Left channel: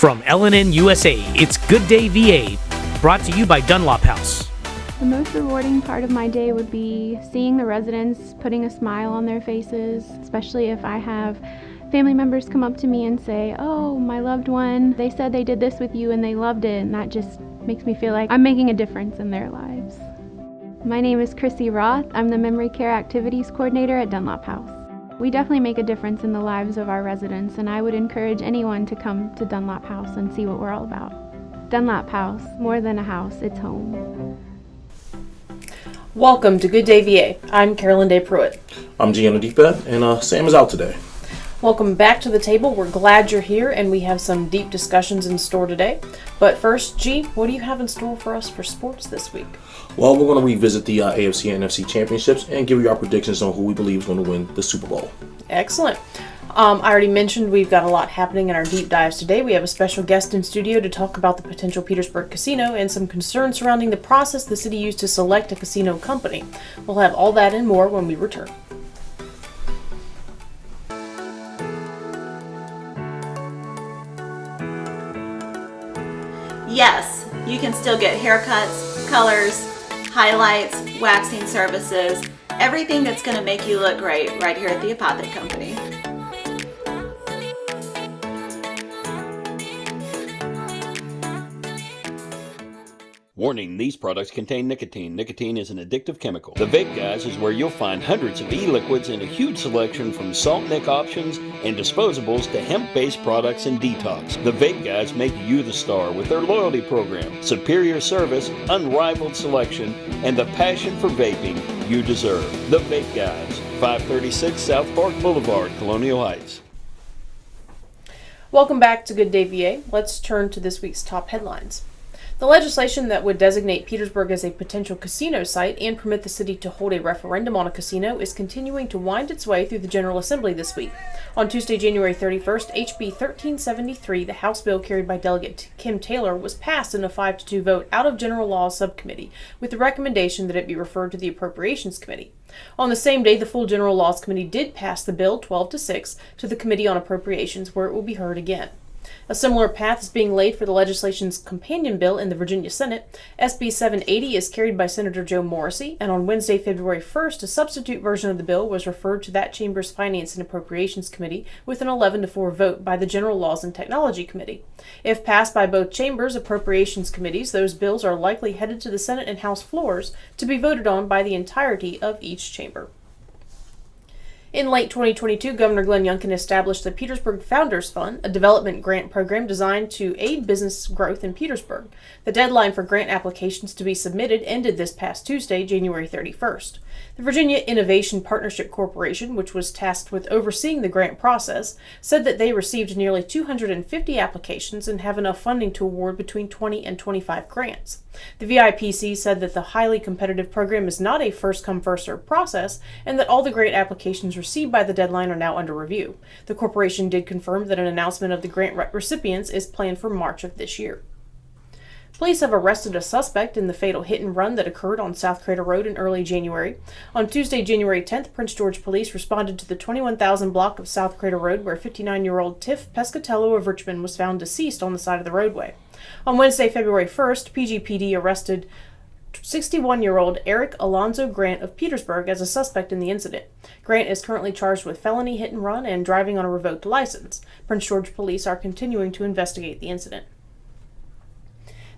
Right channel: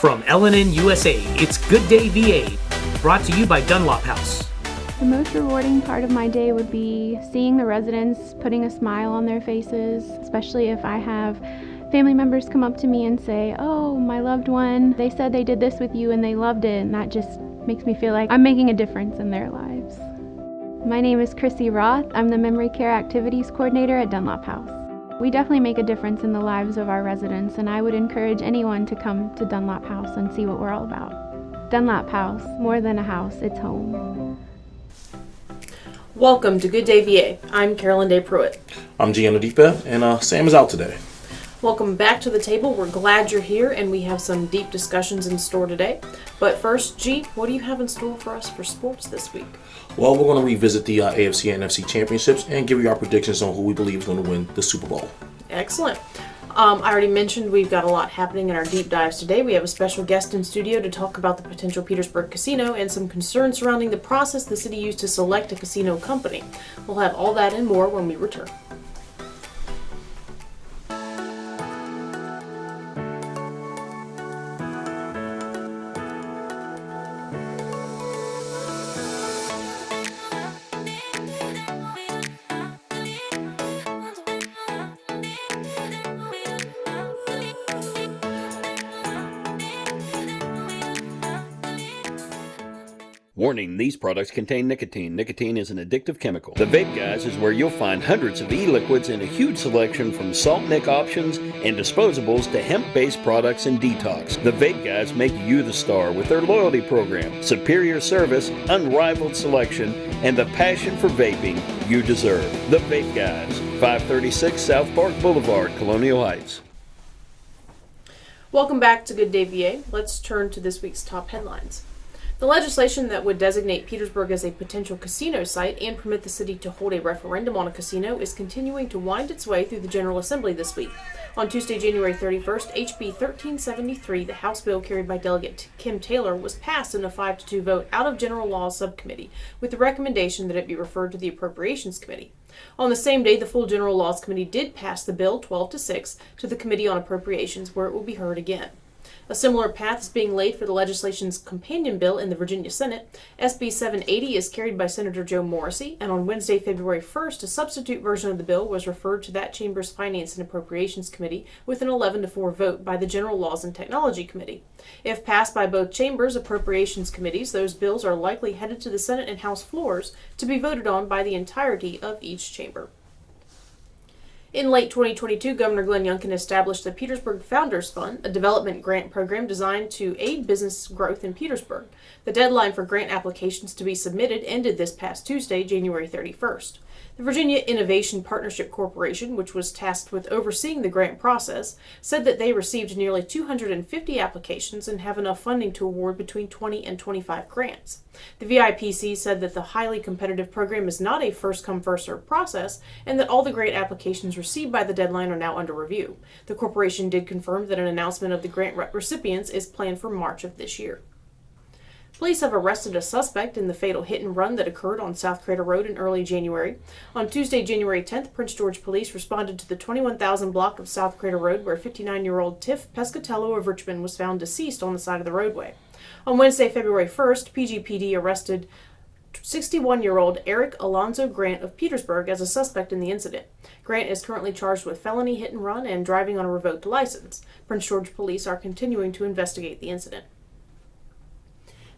From LNN USA, it's Good Day VA, brought to you by Dunlop House. The most rewarding part of my day would be seeing the residents putting a smile on their faces, especially if I have family members come up to me and say, "Oh, my loved one, they said they did this with you and they loved it," and that just makes me feel like I'm making a difference in their lives. My name is Chrissy Roth. I'm the Memory Care Activities Coordinator at Dunlop House. We definitely make a difference in the lives of our residents, and I would encourage anyone to come to Dunlop House and see what we're all about. Dunlop House, more than a house, it's home. Welcome to Good Day VA. I'm Carolyn Day Pruitt. I'm Gianna Deepeth, and Sam is out today. Welcome back to the table. We're glad you're here, and we have some deep discussions in store today. But first, G, what do you have in store for us for sports this week? Well, we're going to revisit the AFC and NFC championships and give you our predictions on who we believe is going to win the Super Bowl. Excellent. I already mentioned we've got a lot happening in our deep dives today. We have a special guest in studio to talk about the potential Petersburg casino and some concerns surrounding the process the city used to select a casino company. We'll have all that and more when we return. Yes, you can still get haircuts, colors, highlights, waxing services, everything that's going to make you look great right here at the Apothic Company. Warning, these products contain nicotine. Nicotine is an addictive chemical. The Vape Guys is where you'll find hundreds of e-liquids and a huge selection from salt nic options and disposables to hemp-based products and detox. The Vape Guys make you the star with their loyalty program, superior service, unrivaled selection, and the passion for vaping you deserve. The Vape Guys, 536 South Park Boulevard, Colonial Heights. Welcome back to Good Day VA. Let's turn to this week's top headlines. The legislation that would designate Petersburg as a potential casino site and permit the city to hold a referendum on a casino is continuing to wind its way through the General Assembly this week. On Tuesday, January 31st, HB 1373, the House bill carried by Delegate Kim Taylor, was passed in a 5-2 vote out of General Laws Subcommittee, with the recommendation that it be referred to the Appropriations Committee. On the same day, the full General Laws Committee did pass the bill 12-6 to the Committee on Appropriations, where it will be heard again. A similar path is being laid for the legislation's companion bill in the Virginia Senate. SB 780 is carried by Senator Joe Morrissey, and on Wednesday, February 1st, a substitute version of the bill was referred to that chamber's Finance and Appropriations Committee with an 11-4 vote by the General Laws and Technology Committee. If passed by both chambers' appropriations committees, those bills are likely headed to the Senate and House floors to be voted on by the entirety of each chamber. In late 2022, Governor Glenn Youngkin established the Petersburg Founders Fund, a development grant program designed to aid business growth in Petersburg. The deadline for grant applications to be submitted ended this past Tuesday, January 31st. The Virginia Innovation Partnership Corporation, which was tasked with overseeing the grant process, said that they received nearly 250 applications and have enough funding to award between 20 and 25 grants. The VIPC said that the highly competitive program is not a first-come, first-served process, and that all the grant applications received by the deadline are now under review. The corporation did confirm that an announcement of the grant recipients is planned for March of this year. Police have arrested a suspect in the fatal hit-and-run that occurred on South Crater Road in early January. On Tuesday, January 10th, Prince George Police responded to the 21,000 block of South Crater Road where 59-year-old Tiff Pescatello of Richmond was found deceased on the side of the roadway. On Wednesday, February 1st, PGPD arrested 61-year-old Eric Alonzo Grant of Petersburg as a suspect in the incident. Grant is currently charged with felony hit-and-run and driving on a revoked license. Prince George Police are continuing to investigate the incident.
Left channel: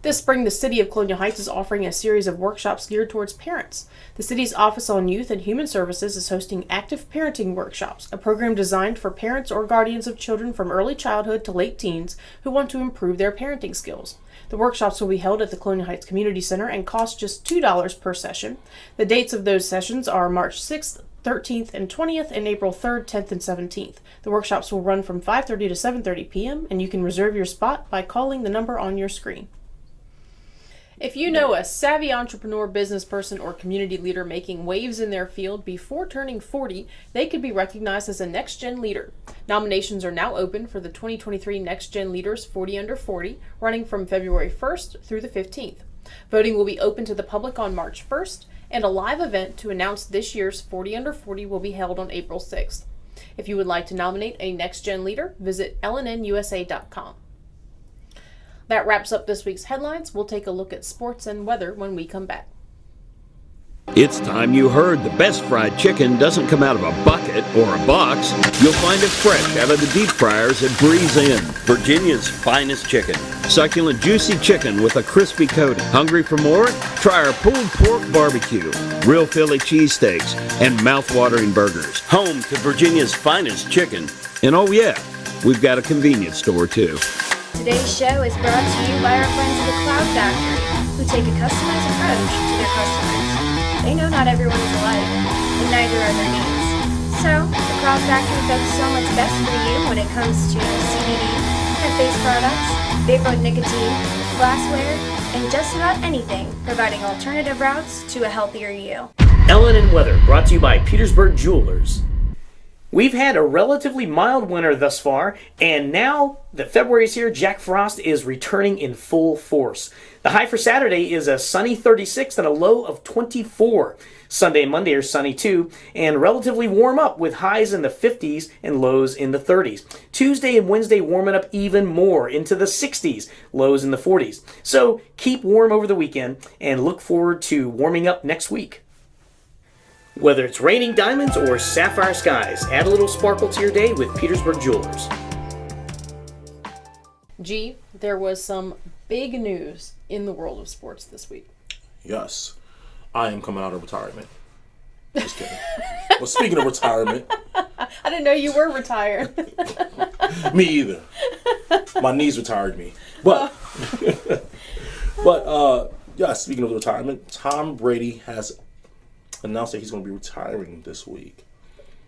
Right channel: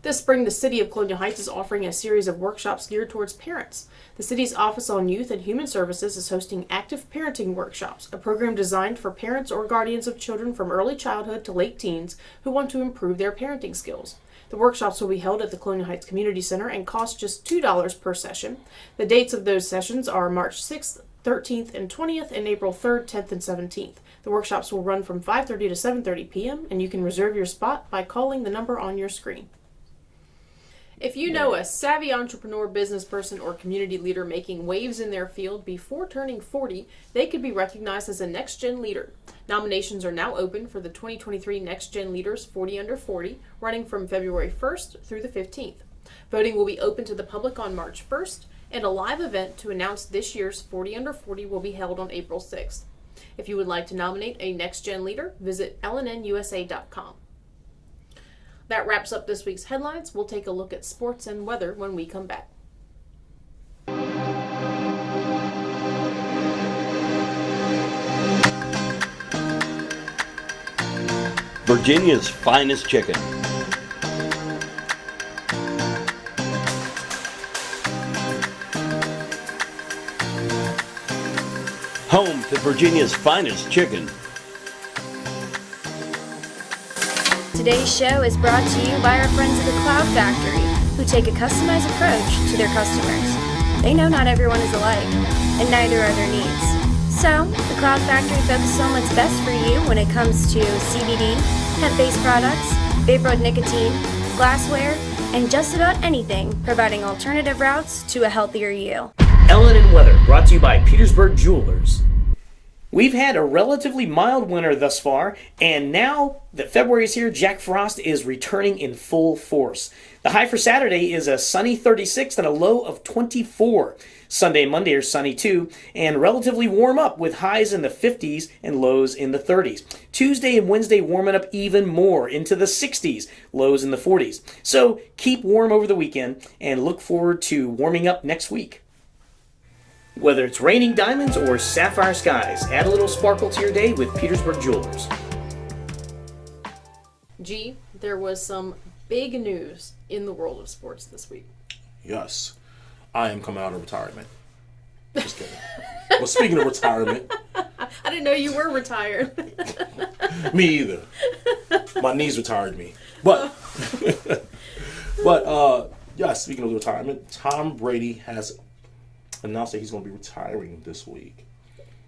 This spring, the City of Colonial Heights is offering a series of workshops geared towards parents. The city's Office on Youth and Human Services is hosting Active Parenting Workshops, a program designed for parents or guardians of children from early childhood to late teens who want to improve their parenting skills. The workshops will be held at the Colonial Heights Community Center and cost just $2 per session. The dates of those sessions are March 6th, 13th, and 20th, and April 3rd, 10th, and 17th. The workshops will run from 5:30 to 7:30 p.m., and you can reserve your spot by calling the number on your screen. If you know a savvy entrepreneur, business person, or community leader making waves in their field before turning 40, they could be recognized as a Next Gen Leader. Nominations are now open for the 2023 Next Gen Leaders 40 Under 40, running from February 1st through the 15th. Voting will be open to the public on March 1st, and a live event to announce this year's 40 Under 40 will be held on April 6th. If you would like to nominate a Next Gen Leader, visit lnnusa.com. That wraps up this week's headlines. We'll take a look at sports and weather when we come back. It's time you heard the best fried chicken doesn't come out of a bucket or a box. You'll find it fresh out of the deep fryers at Breeze Inn. Virginia's finest chicken. Succulent, juicy chicken with a crispy coating. Hungry for more? Try our pulled pork barbecue, real Philly cheesesteaks, and mouth-watering burgers. Home to Virginia's finest chicken. And oh yeah, we've got a convenience store too. Today's show is brought to you by our friends at the Cloud Factory, who take a customized approach to their customers. They know not everyone is alike, and neither are their needs. So, the Cloud Factory focuses on what's best for you when it comes to CBD, hemp-based products, vapor nicotine, glassware, and just about anything, providing alternative routes to a healthier you. Ellen and Weather, brought to you by Petersburg Jewelers. We've had a relatively mild winter thus far, and now that February is here, Jack Frost is returning in full force. The high for Saturday is a sunny 36 and a low of 24. Sunday and Monday are sunny too, and relatively warm up with highs in the 50s and lows in the 30s. Tuesday and Wednesday warming up even more into the 60s, lows in the 40s. So keep warm over the weekend and look forward to warming up next week. Whether it's raining diamonds or sapphire skies, add a little sparkle to your day with Petersburg Jewelers. G, there was some big news in the world of sports this week. Yes, I am coming out of retirement. Just kidding. Well, speaking of retirement, I didn't know you were retired. me either. My knees retired me. But, yeah, speaking of retirement, Tom Brady has announced that he's going to be retiring this week.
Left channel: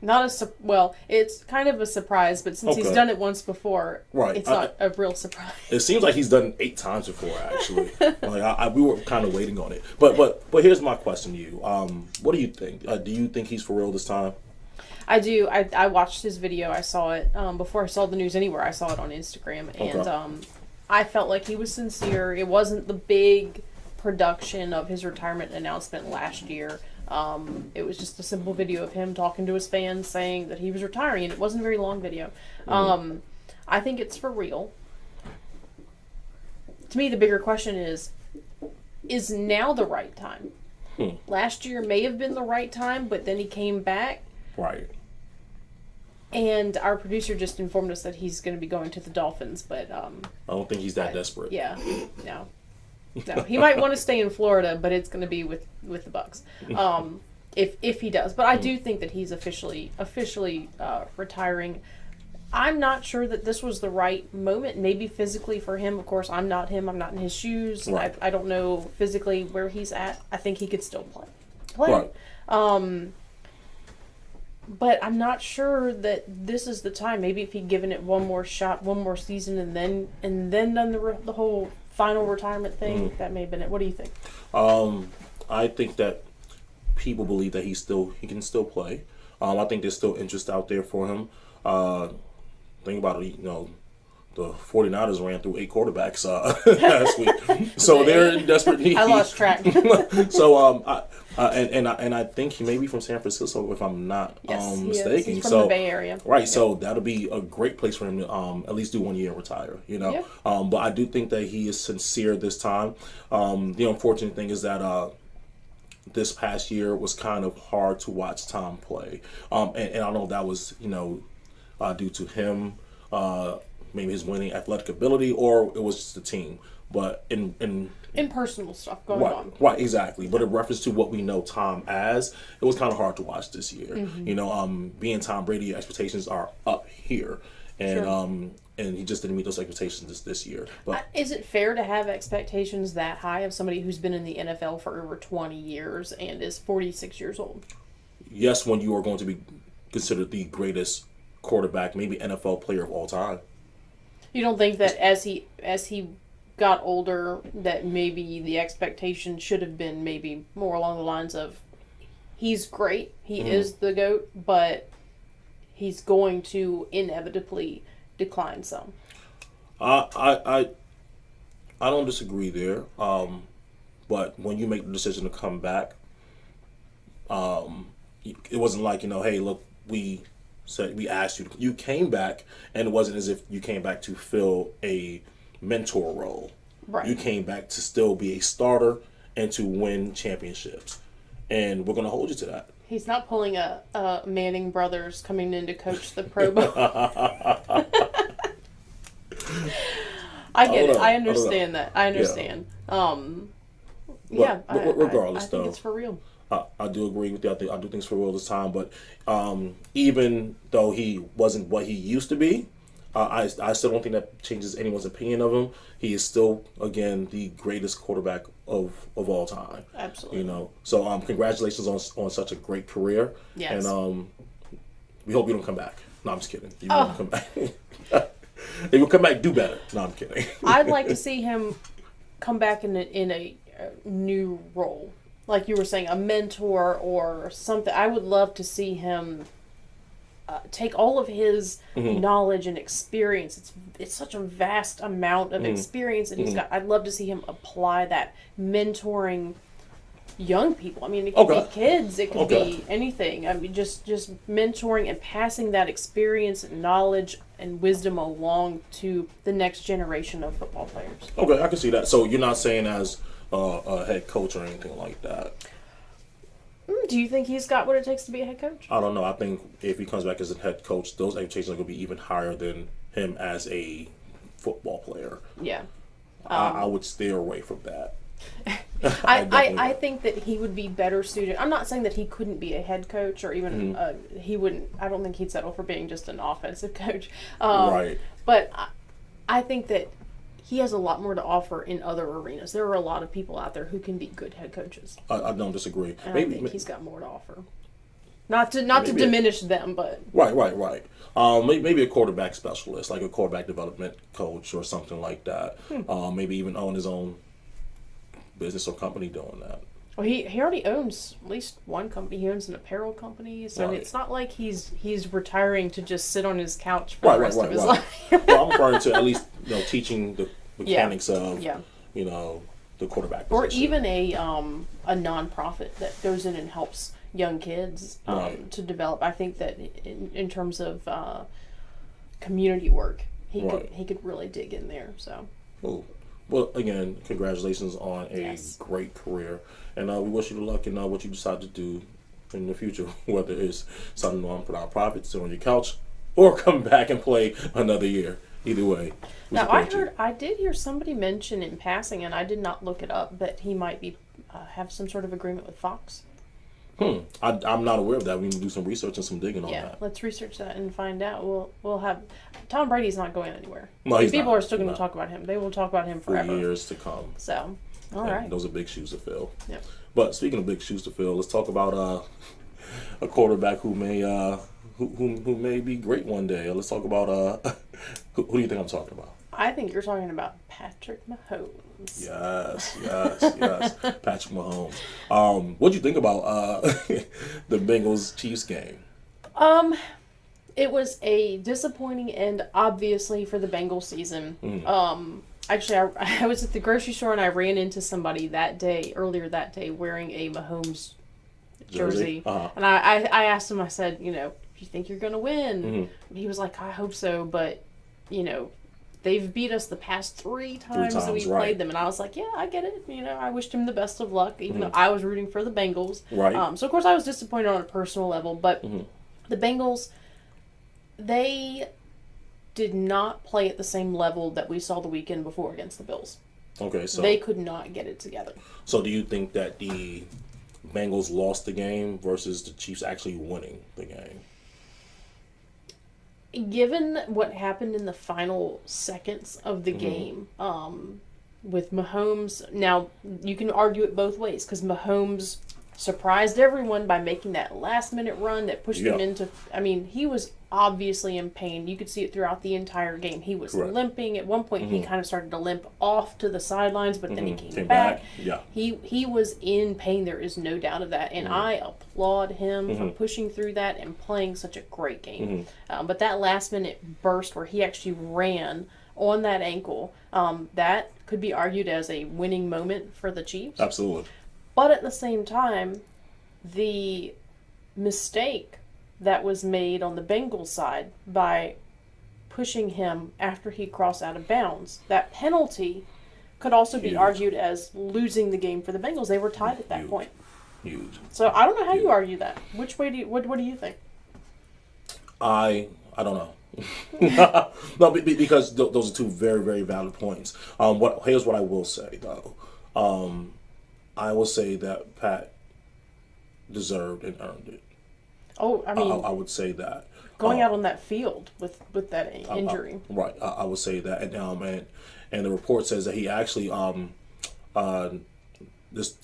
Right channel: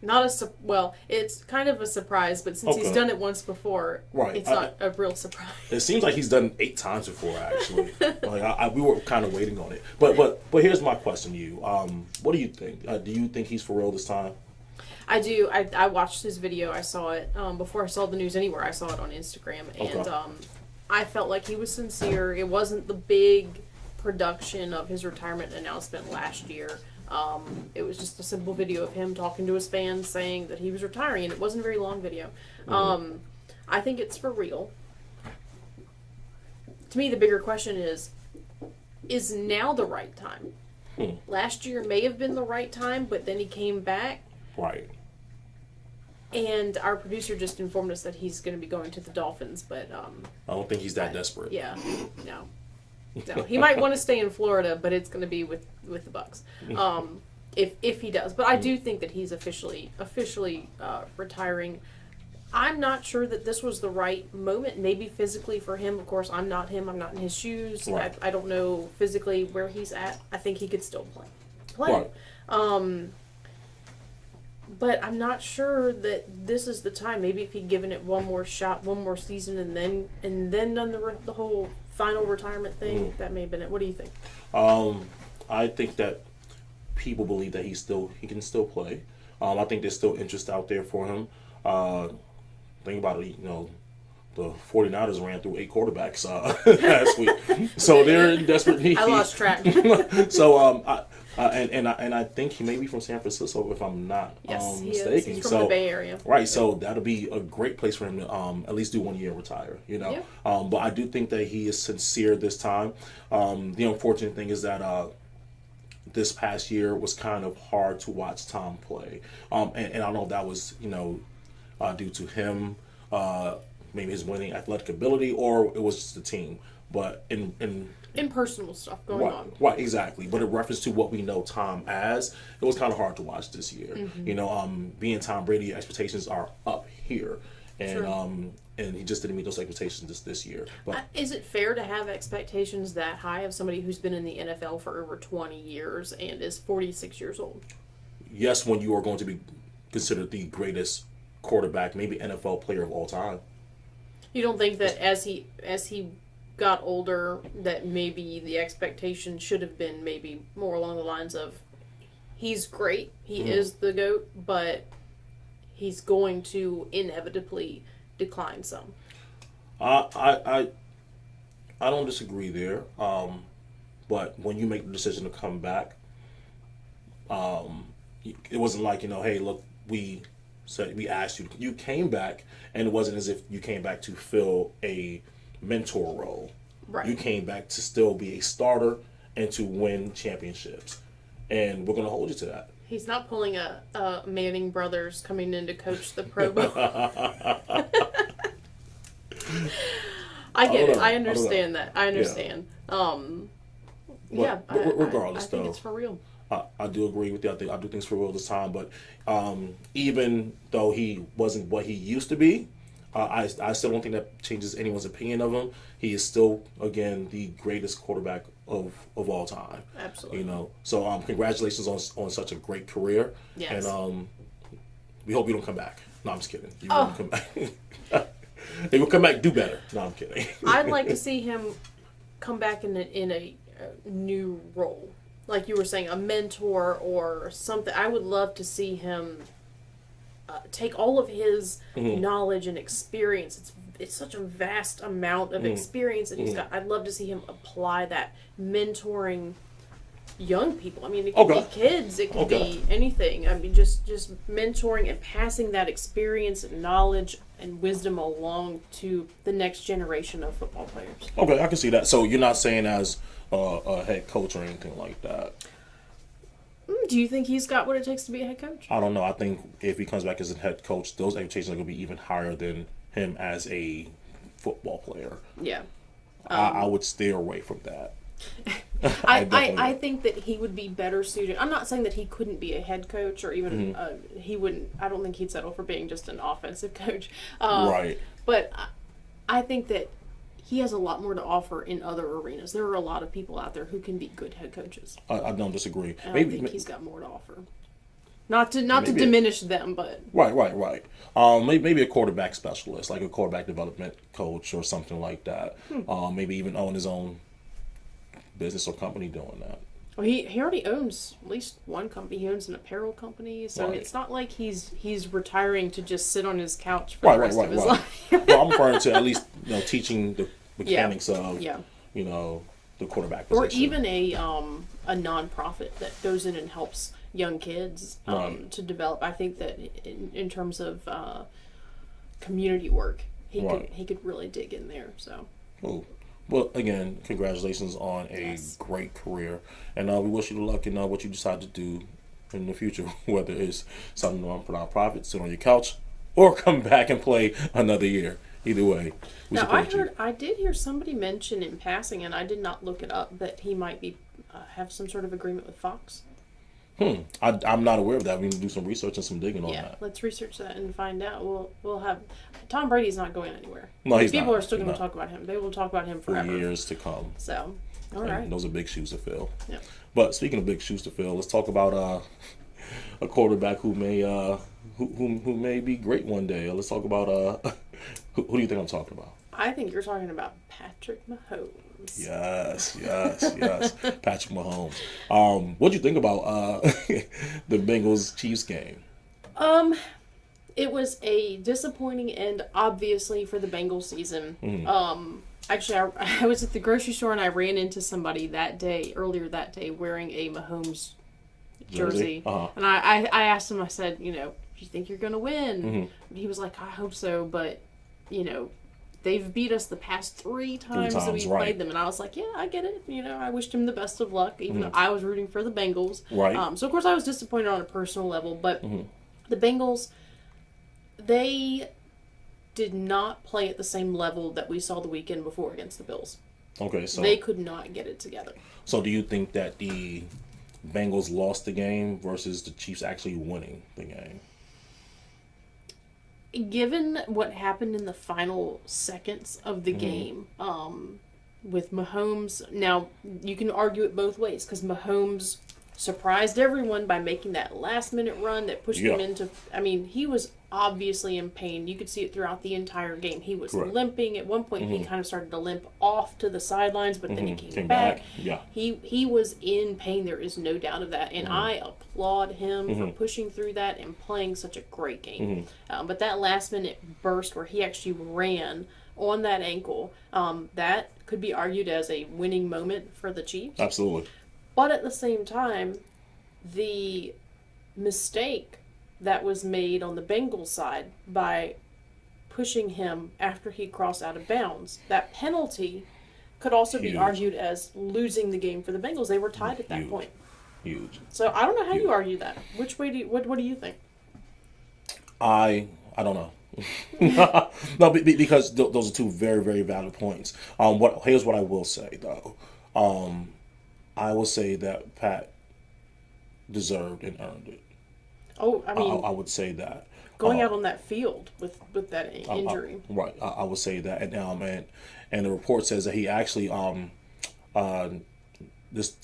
Well, it's kind of a surprise, but since he's done it once before, right. It's not a real surprise. It seems like he's done it 8 times before, actually. We were kind of waiting on it. But here's my question to you. What do you think? Do you think he's for real this time? I do. I watched his video. I saw it before I saw the news anywhere. I saw it on Instagram, and I felt like he was sincere. It wasn't the big production of his retirement announcement last year. It was just a simple video of him talking to his fans saying that he was retiring, and it wasn't a very long video. I think it's for real. To me, the bigger question is now the right time? Last year may have been the right time, but then he came back. Right. And our producer just informed us that he's going to be going to the Dolphins, but I don't think he's that desperate. Yeah, no. He might want to stay in Florida, but it's going to be with the Bucks. If he does, but I do think that he's officially retiring. I'm not sure that this was the right moment. Maybe physically for him. Of course, I'm not him. I'm not in his shoes. Right. I don't know physically where he's at. I think he could still play. Right. But I'm not sure that this is the time. Maybe if he'd given it one more shot, one more season, and then done the whole final retirement thing, that may have been it. What do you think? I think that people believe that he can still play. I think there's still interest out there for him. Think about it, the 49ers ran through 8 quarterbacks last week, so they're in desperate need. I lost track. So and I think he may be from San Francisco, if I'm not mistaken. He's from the Bay Area. Right, yep. So that'll be a great place for him to at least do 1 year and retire. Yep. But I do think that he is sincere this time. The unfortunate thing is that this past year was kind of hard to watch Tom play, and I don't know if that was due to him, maybe his winning athletic ability, or it was just the team. But in personal stuff going on. Right, exactly. But in reference to what we know Tom as, it was kind of hard to watch this year. Mm-hmm. Being Tom Brady, expectations are up here, and and he just didn't meet those expectations this year. But is it fair to have expectations that high of somebody who's been in the NFL for over 20 years and is 46 years old? Yes, when you are going to be considered the greatest quarterback, maybe NFL player of all time. You don't think that as he got older, that maybe the expectation should have been maybe more along the lines of, he's great, he is the GOAT, but he's going to inevitably decline some? I don't disagree there, but when you make the decision to come back, it wasn't like, hey, look, we asked you, you came back, and it wasn't as if you came back to fill a mentor role. Right. You came back to still be a starter and to win championships. And we're going to hold you to that. He's not pulling a Manning brothers coming in to coach the Pro Bowl. I get it. I understand that. I understand. Regardless, I think it's for real. I do agree with you. I do things for real this time. But even though he wasn't what he used to be, I still don't think that changes anyone's opinion of him. He is still, again, the greatest quarterback of all time. Absolutely. You know, so congratulations on such a great career. Yes. And we hope you don't come back. No, I'm just kidding. You won't come back. If you come back, do better. No, I'm kidding. I'd like to see him come back in a new role, like you were saying, a mentor or something. I would love to see him take all of his knowledge and experience. It's such a vast amount of experience that he's got. I'd love to see him apply that, mentoring young people. I mean, it could be kids, it could be anything. I mean, just mentoring and passing that experience and knowledge and wisdom along to the next generation of football players. Okay, I can see that. So you're not saying as a head coach or anything like that? Do you think he's got what it takes to be a head coach? I don't know. I think if he comes back as a head coach, those expectations are going to be even higher than him as a football player. Yeah. I would steer away from that. I think that he would be better suited. I'm not saying that he couldn't be a head coach or even he wouldn't. I don't think he'd settle for being just an offensive coach. Right. But I think that he has a lot more to offer in other arenas. There are a lot of people out there who can be good head coaches. I don't disagree. And I think he's got more to offer. Not to diminish them, but right. Maybe a quarterback specialist, like a quarterback development coach or something like that. Maybe even own his own business or company doing that. Well, he already owns at least one company. He owns an apparel company, so it's not like he's retiring to just sit on his couch for the rest of his life. Well, I'm referring to at least teaching the mechanics of the quarterback position. Or even a nonprofit that goes in and helps young kids to develop. I think that in terms of community work, he could really dig in there. So. Cool. Well, again, congratulations on a great career, and we wish you luck in what you decide to do in the future, whether it's something on nonprofit, sit on your couch, or come back and play another year. Either way. Now, I did hear somebody mention in passing, and I did not look it up, that he might be have some sort of agreement with Fox. I'm not aware of that. We need to do some research and some digging on that. Yeah, let's research that and find out. We'll have Tom Brady's not going anywhere. No, he's People not. are still going to talk about him. They will talk about him forever. For years to come. So, all right. Those are big shoes to fill. Yeah. But speaking of big shoes to fill, let's talk about a quarterback who may be great one day. Let's talk about who do you think I'm talking about? I think you're talking about Patrick Mahomes. Yes. Patrick Mahomes. What do you think about the Bengals-Chiefs game? It was a disappointing end, obviously, for the Bengals season. Actually, I was at the grocery store and I ran into somebody earlier that day, wearing a Mahomes jersey. And I asked him, I said, do you think you're going to win? He was like, I hope so, but, they've beat us the past three times that we played them. And I was like, yeah, I get it. I wished him the best of luck, even though I was rooting for the Bengals. Right. So, of course, I was disappointed on a personal level. But the Bengals, they did not play at the same level that we saw the weekend before against the Bills. Okay, so they could not get it together. So do you think that the Bengals lost the game versus the Chiefs actually winning the game? Given what happened in the final seconds of the game, with Mahomes, now you can argue it both ways, because Mahomes surprised everyone by making that last-minute run that pushed him into... I mean, he was obviously in pain. You could see it throughout the entire game. He was limping. At one point, he kind of started to limp off to the sidelines, but then he came back. Yeah. He was in pain. There is no doubt of that. And I applaud him for pushing through that and playing such a great game. But that last-minute burst where he actually ran on that ankle, that could be argued as a winning moment for the Chiefs. Absolutely. But at the same time, the mistake that was made on the Bengals side by pushing him after he crossed out of bounds. That penalty could also be argued as losing the game for the Bengals. They were tied at that point. Huge. So I don't know how you argue that. Which way do you, what do you think? I don't know. No, because those are two very, very valid points. Here's what I will say though. I will say that Pat deserved and earned it. Oh, I mean, I would say that going out on that field with that injury. Right. I would say that, and the report says that he actually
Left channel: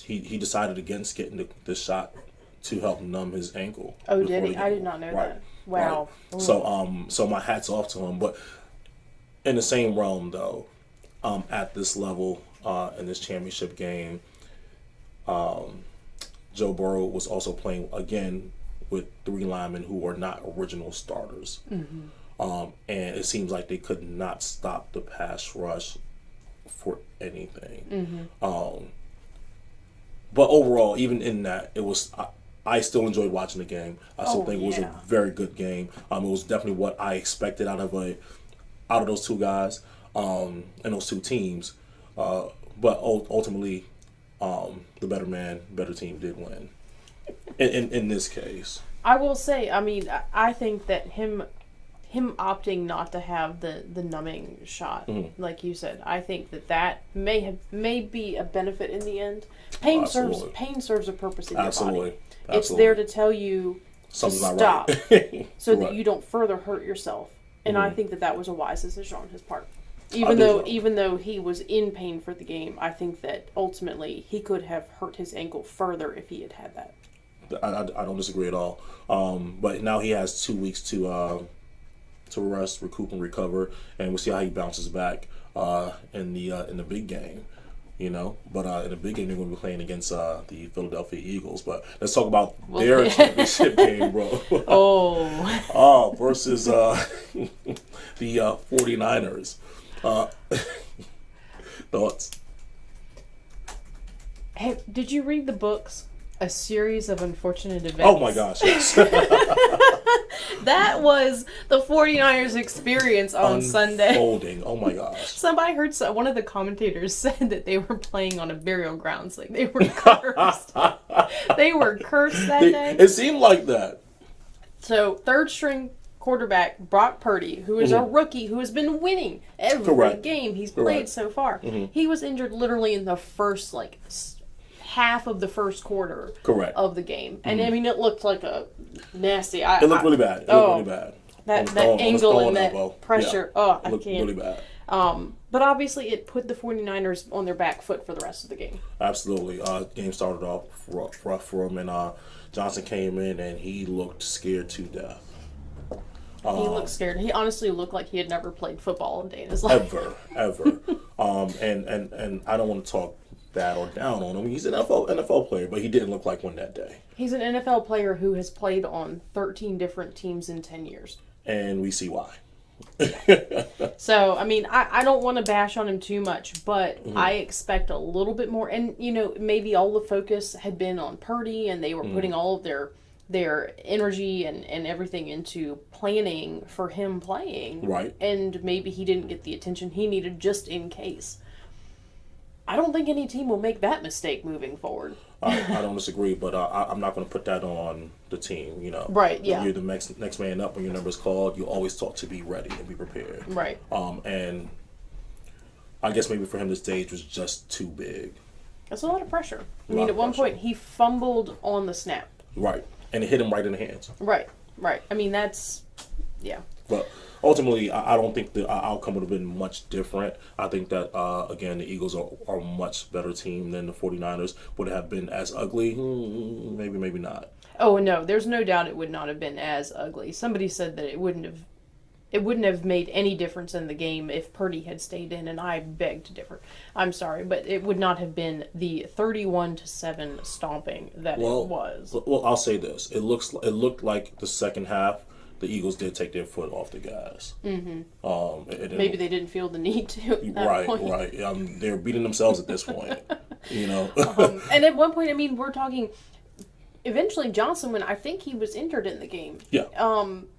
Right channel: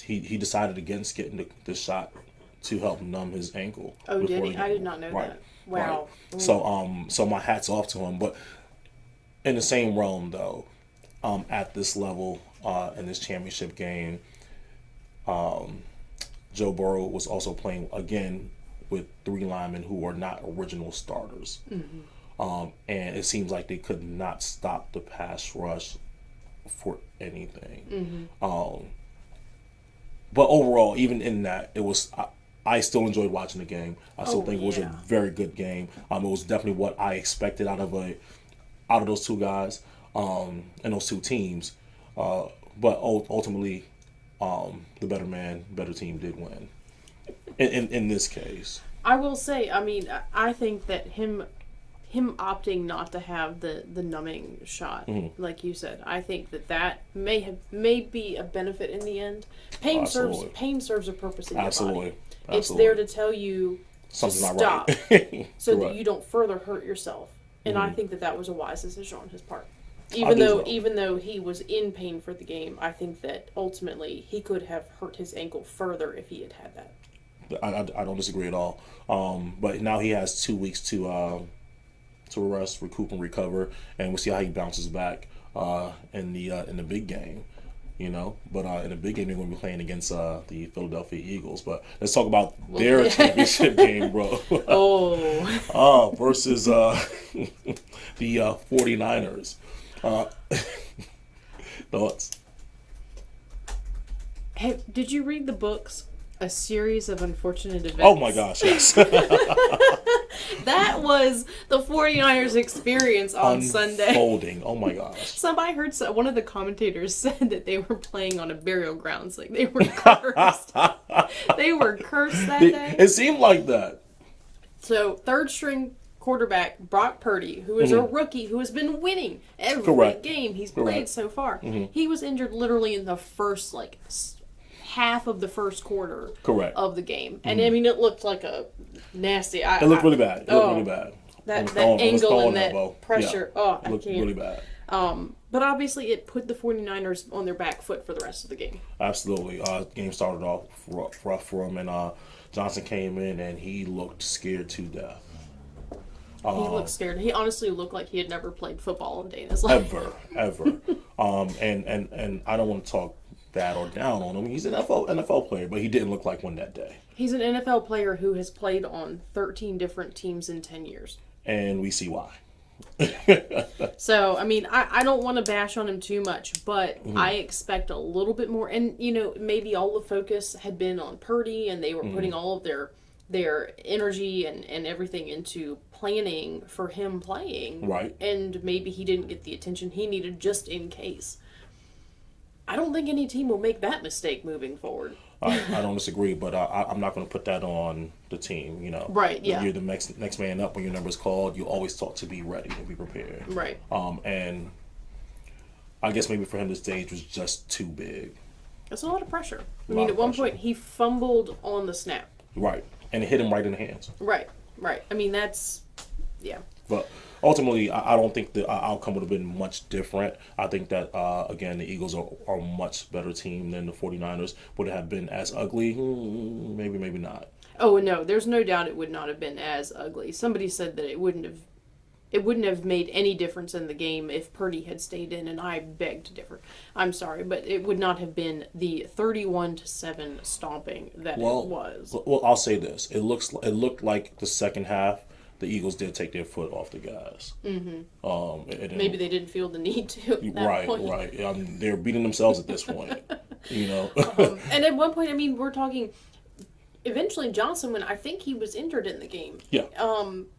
he decided against getting the shot to help numb his ankle. Oh, did he? I did not know that. Wow. Right. So my hat's off to him. But in the same realm, though, at this level, in this championship game, Joe Burrow was also playing again with 3 linemen who were not original starters. And it seems like they could not stop the pass rush for anything. But overall, even in that, it was. I still enjoyed watching the game. I still think it was a very good game. It was definitely what I expected out of those two guys and those two teams. But ultimately, the better team did win. In this case, I will say, I mean, I think that him opting not to have the numbing shot, like you said, I think that may be a benefit in the end. Pain serves a purpose in your body. It's there to tell you something's to stop, not right. so that you don't further hurt yourself. And I think that was a wise decision on his part. Even though he was in pain for the game, I think that ultimately he could have hurt his ankle further if he had that. I don't disagree at all. But now he has 2 weeks to rest, recoup, and recover, and we'll see how he bounces back in the big game. But in the big game they're going to be playing against the Philadelphia Eagles. But let's talk about their championship game, bro. Versus the 49ers. Thoughts? Hey, did you read the books? A Series of Unfortunate Events. Oh my gosh, yes. That was the 49ers experience on Sunday. Unfolding. Oh my gosh. Somebody heard one of the commentators said that they were playing on a burial grounds. Like they were cursed. They were cursed that day. It seemed like that. So, third string quarterback Brock Purdy, who is a rookie who has been winning every game he's played so far. He was injured literally in the first half of the first quarter of the game. And I mean, it looked like a nasty. It looked really bad. That angle and that pressure. Yeah. I can't. Really bad. But obviously it put the 49ers on their back foot for the rest of the game. Absolutely. Game started off rough for him, and Johnson came in and he looked scared to death. He looked scared. He honestly looked like he had never played football in a day in his life. Ever. And I don't want to talk bad or down on him. He's an NFL player, but he didn't look like one that day. He's an NFL player who has played on 13 different teams in 10 years. And we see why. So, I mean, I don't want to bash on him too much, but I expect a little bit more. And, maybe all the focus had been on Purdy, and they were putting all of their energy and everything into planning for him playing. Right. And maybe he didn't get the attention he needed just in case. I don't think any team will make that mistake moving forward. I don't disagree, but I'm not going to put that on the team. Right? Yeah. When you're the next man up, when your number's called, you always talk to be ready and be prepared. Right. And I guess maybe for him the stage was just too big. That's a lot of pressure. I mean, at one point he fumbled on the snap. Right, and it hit him right in the hands. Right. I mean, yeah. But ultimately, I don't think the outcome would have been much different. I think that, again, the Eagles are a much better team than the 49ers. Would it have been as ugly? Maybe, maybe not. Oh, no. There's no doubt it would not have been as ugly. Somebody said that it wouldn't have made any difference in the game if Purdy had stayed in, and I beg to differ. I'm sorry, but it would not have been the 31-7 stomping that it was. Well, I'll say this. It looked like the second half, the Eagles did take their foot off the gas. Mm-hmm. Maybe they didn't feel the need to at that point. Right. They're beating themselves at this point, And at one point, I mean, we're talking eventually Johnson, when I think he was injured in the game. Yeah.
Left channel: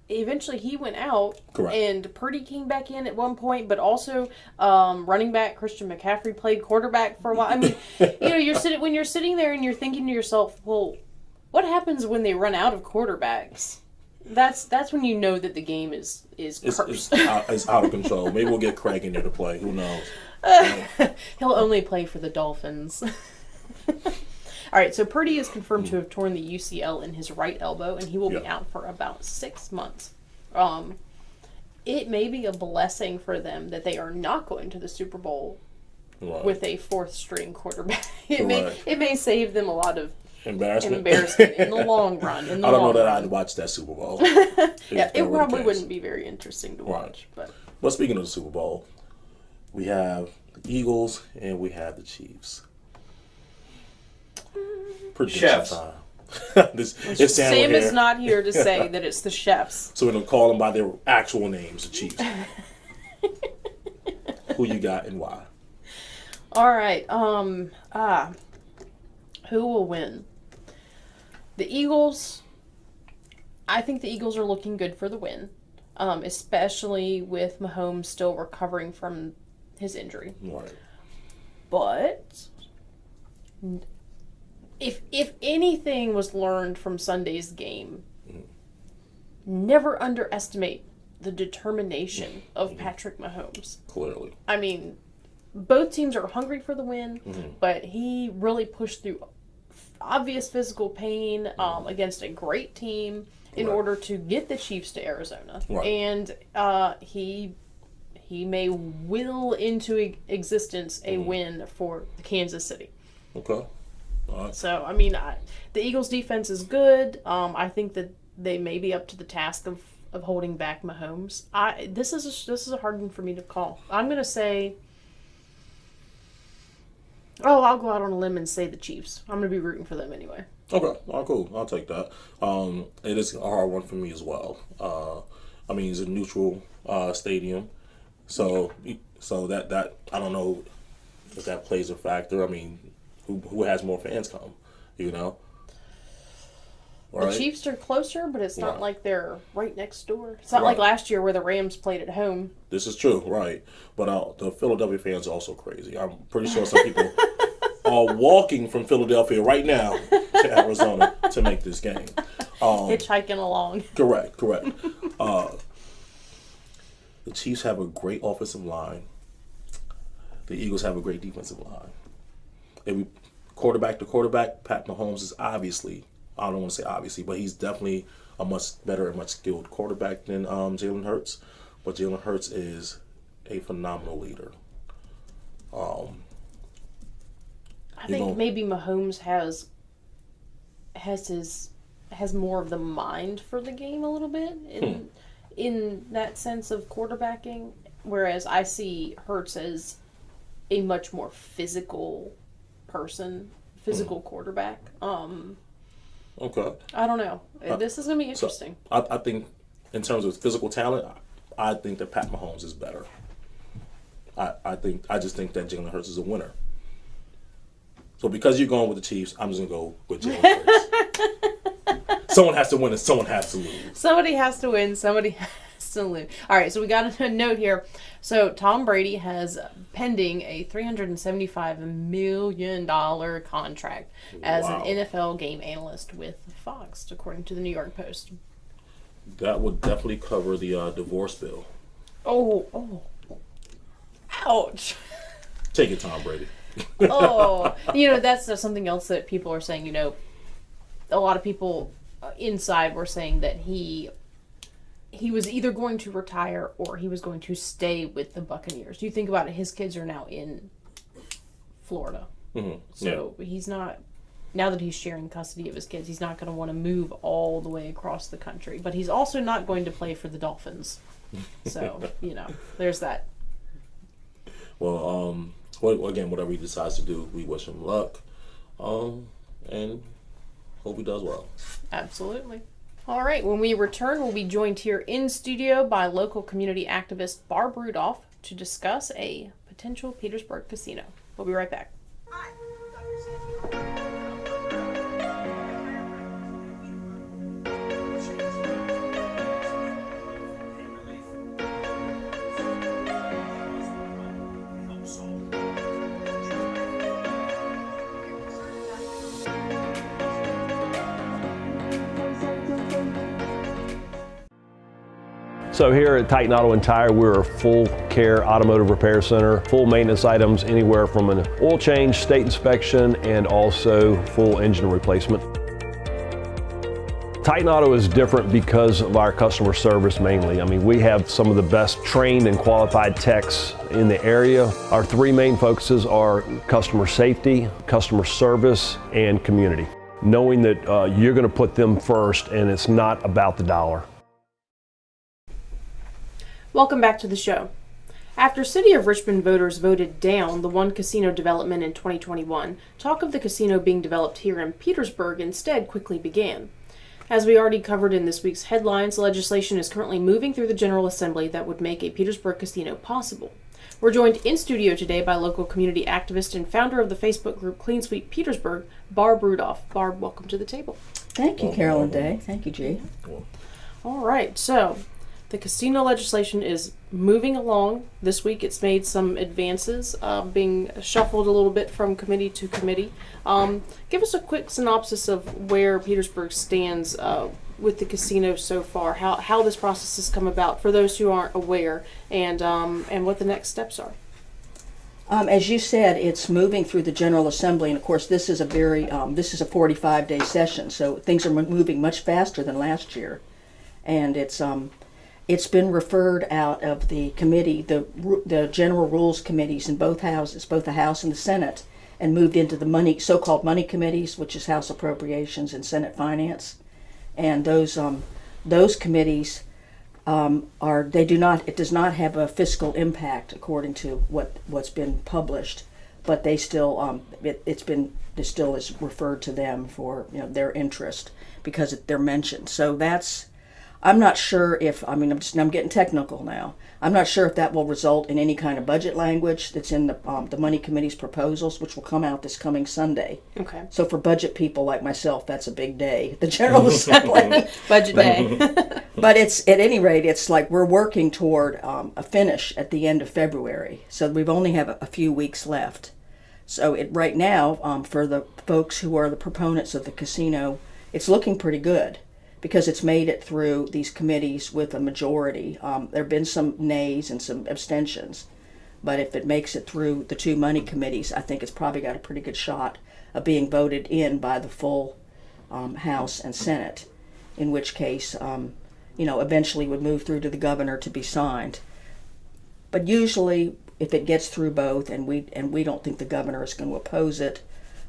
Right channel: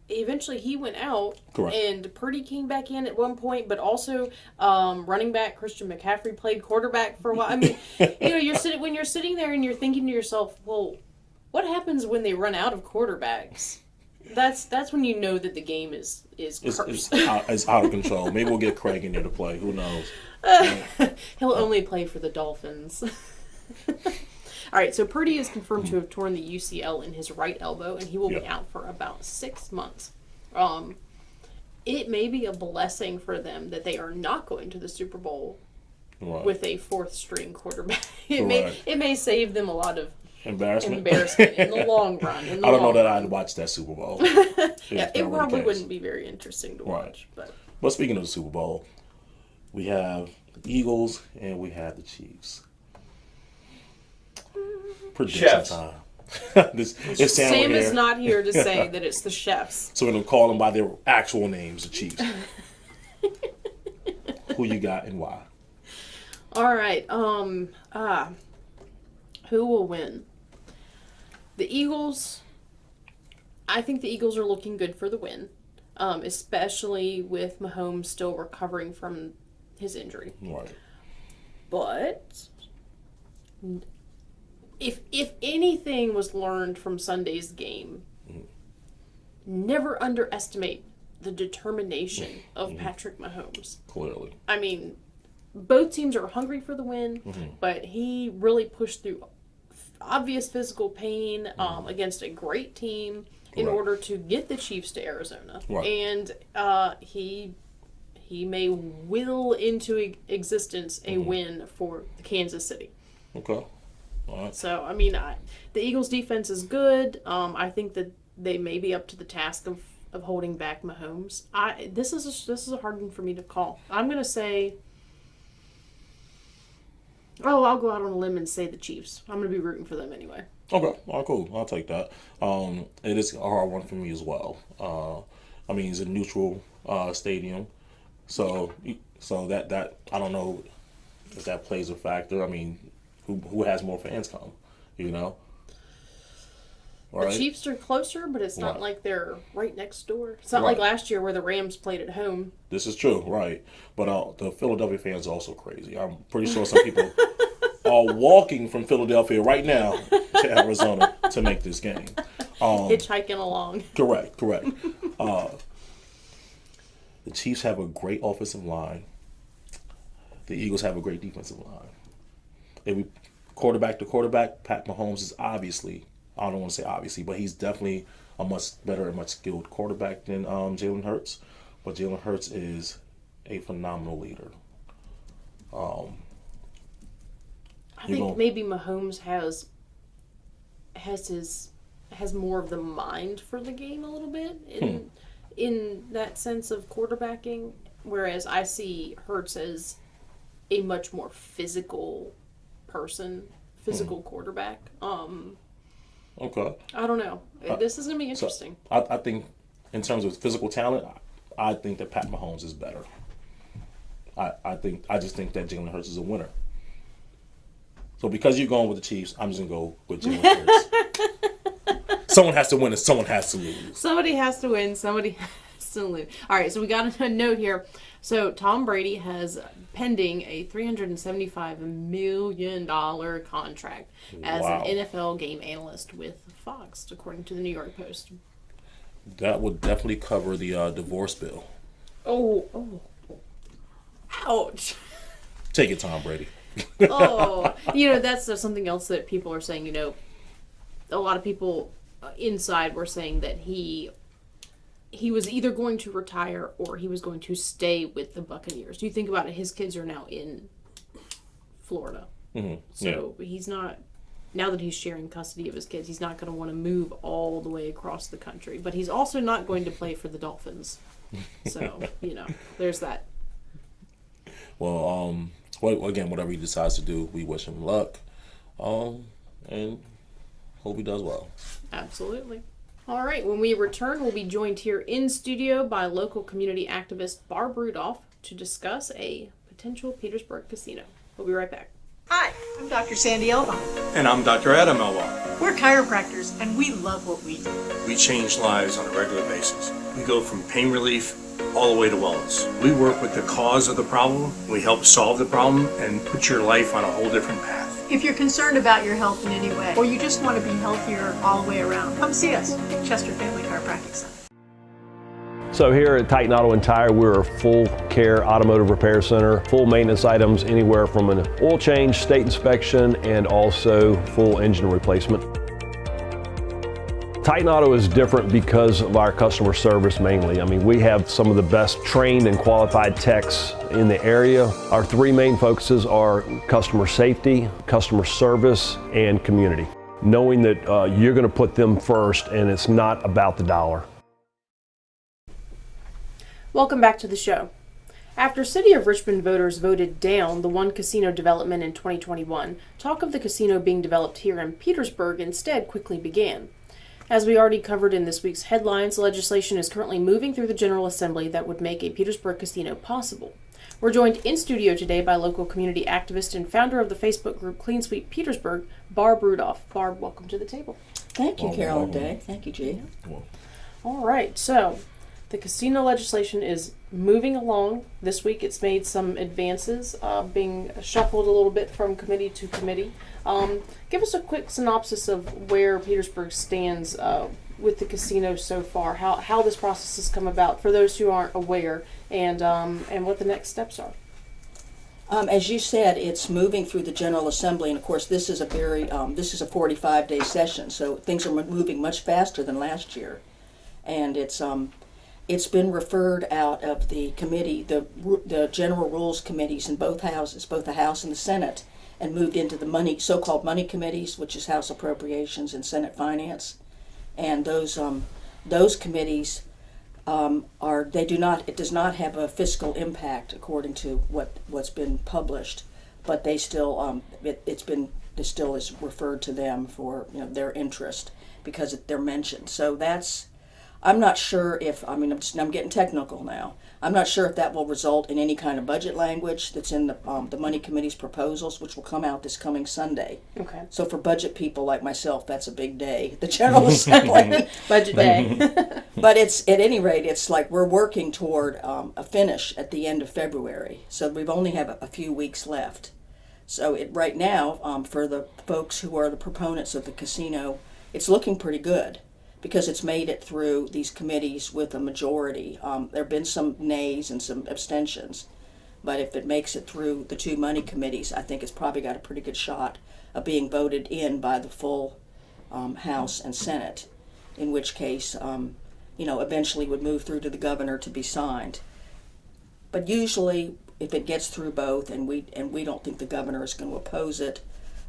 Eventually he went out. Correct. And Purdy came back in at one point, but also running back Christian McCaffrey played quarterback for a while. I mean, when you're sitting there and you're thinking to yourself, well, what happens when they run out of quarterbacks? That's when you know that the game is cursed. It's out of control. Maybe we'll get Craig in there to play. Who knows? He'll only play for the Dolphins. All right, so Purdy is confirmed to have torn the UCL in his right elbow, and he will be out for about 6 months. It may be a blessing for them that they are not going to the Super Bowl with a fourth-string quarterback. It may save them a lot of embarrassment in the long run. I don't know that I'd watch that Super Bowl. It probably wouldn't be very interesting to watch. But speaking of the Super Bowl, we have the Eagles and we have the Chiefs. Chefs. Sam is not here to say that it's the chefs. So we're going to call them by their actual names, the Chiefs. Who you got and why? All right. Who will win? The Eagles. I think the Eagles are looking good for the win, especially with Mahomes still recovering from his injury. Right. But if anything was learned from Sunday's game, never underestimate the determination of Patrick Mahomes. Clearly. I mean, both teams are hungry for the win, but he really pushed through obvious physical pain against a great team in order to get the Chiefs to Arizona. Right. And he may will into existence a win for Kansas City. Okay. All right. So, I mean, the Eagles' defense is good. I think that they may be up to the task of holding back Mahomes. This is a hard one for me to call. I'm going to say... I'll go out on a limb and say the Chiefs. I'm going to be rooting for them anyway. Okay. All right, cool. I'll take that. It is a hard one for me as well. I mean, it's a neutral stadium. So that I don't know if that plays a factor. I mean, who has more fans come, you know? Right. The Chiefs are closer, but it's not like they're right next door. It's not like last year where the Rams played at home. This is true, right. But the Philadelphia fans are also crazy. I'm pretty sure some people are walking from Philadelphia right now to Arizona to make this game. Hitchhiking along. Correct. The Chiefs have a great offensive line. The Eagles have a great defensive line. If quarterback to quarterback, Pat Mahomes is obviously... I don't want to say obviously, but he's definitely a much better and much skilled quarterback than Jalen Hurts. But Jalen Hurts is a phenomenal leader. I think maybe Mahomes has more of the mind for the game a little bit in that sense of quarterbacking, whereas I see Hurts as a much more physical person, quarterback. Okay. I don't know. This is going to be interesting. So I think in terms of physical talent, I think that Pat Mahomes is better. I just think that Jalen Hurts is a winner. So because you're going with the Chiefs, I'm just going to go with Jalen Hurts. Someone has to win and someone has to lose. Somebody has to win. Somebody has to lose. All right, so we got a note here. So Tom Brady has pending a $375 million contract as an NFL game analyst with Fox, according to the New York Post. That would definitely cover the divorce bill. Oh. Ouch. Take it, Tom Brady. That's something else that people are saying, a lot of people inside were saying that he was either going to retire or he was going to stay with the Buccaneers. You think about it, his kids are now in Florida. Mm-hmm. So he's not, now that he's sharing custody of his kids, he's not going to want to move all the way across the country. But he's also not going to play for the Dolphins. So, there's that. Well, again, whatever he decides to do, we wish him luck. And hope he does well. Absolutely. All right, when we return, we'll be joined here in studio by local community activist Barb Rudolph to discuss a potential Petersburg casino. We'll be right back. Hi, I'm Dr. Sandy Elvon. And I'm Dr. Adam Elwar. We're chiropractors and we love what we do. We change lives on a regular basis. We go from pain relief all the way to wellness. We work with the cause of the problem, we help solve the problem, and put your life on a whole different path. If you're concerned about your health in any way, or you just want to be healthier all the way around, come see us, Chester Family Chiropractic Center. So here at Titan Auto and Tire, we're a full care automotive repair center, full maintenance items anywhere from an oil change, state inspection, and also full engine replacement. Titan Auto is different because of our customer service mainly. I mean, we have some of the best trained and qualified techs in the area. Our three main focuses are customer safety, customer service, and community. Knowing that you're going to put them first and it's not about the dollar. Welcome back to the show. After City of Richmond voters voted down the one casino development in 2021, talk of the casino being developed here in Petersburg instead quickly began. As we already covered in this week's headlines, legislation is currently moving through the General Assembly that would make a Petersburg casino possible. We're joined in studio today by local community activist and founder of the Facebook group Clean Sweep Petersburg, Barb Rudolph. Barb, welcome to the table. Thank you, Carol and Day. Thank you, G. All right, so the casino legislation is moving along. This week it's made some advances, being shuffled a little bit from committee to committee. Give us a quick synopsis of where Petersburg stands with the casino so far, how this process has come about for those who aren't aware, and what the next steps are. As you said, it's moving through the General Assembly, and of course this is a 45-day session, so things are moving much faster than last year, and it's been referred out of the committee, the General Rules Committees in both houses, both the House and the Senate, and moved into the so-called money committees, which is House Appropriations and Senate Finance. And those committees it does not have a fiscal impact according to what's been published, but they still it still is referred to them for their interest because they're mentioned. So I'm not sure if, I'm getting technical now. I'm not sure if that will result in any kind of budget language that's in the Money Committee's proposals, which will come out this coming Sunday. Okay. So for budget people like myself, that's a big day, the General Assembly. Budget day. But at any rate, it's like we're working toward a finish at the end of February. So we only have a few weeks left. So right now, for the folks who are the proponents of the casino, it's looking pretty good, because it's made it through these committees with a majority. There have been some nays and some abstentions, but if it makes it through the two money committees, I think it's probably got a pretty good shot of being voted in by the full House and Senate, in which case, eventually would move through to the governor to be signed. But usually, if it gets through both, and we don't think the governor is going to oppose it,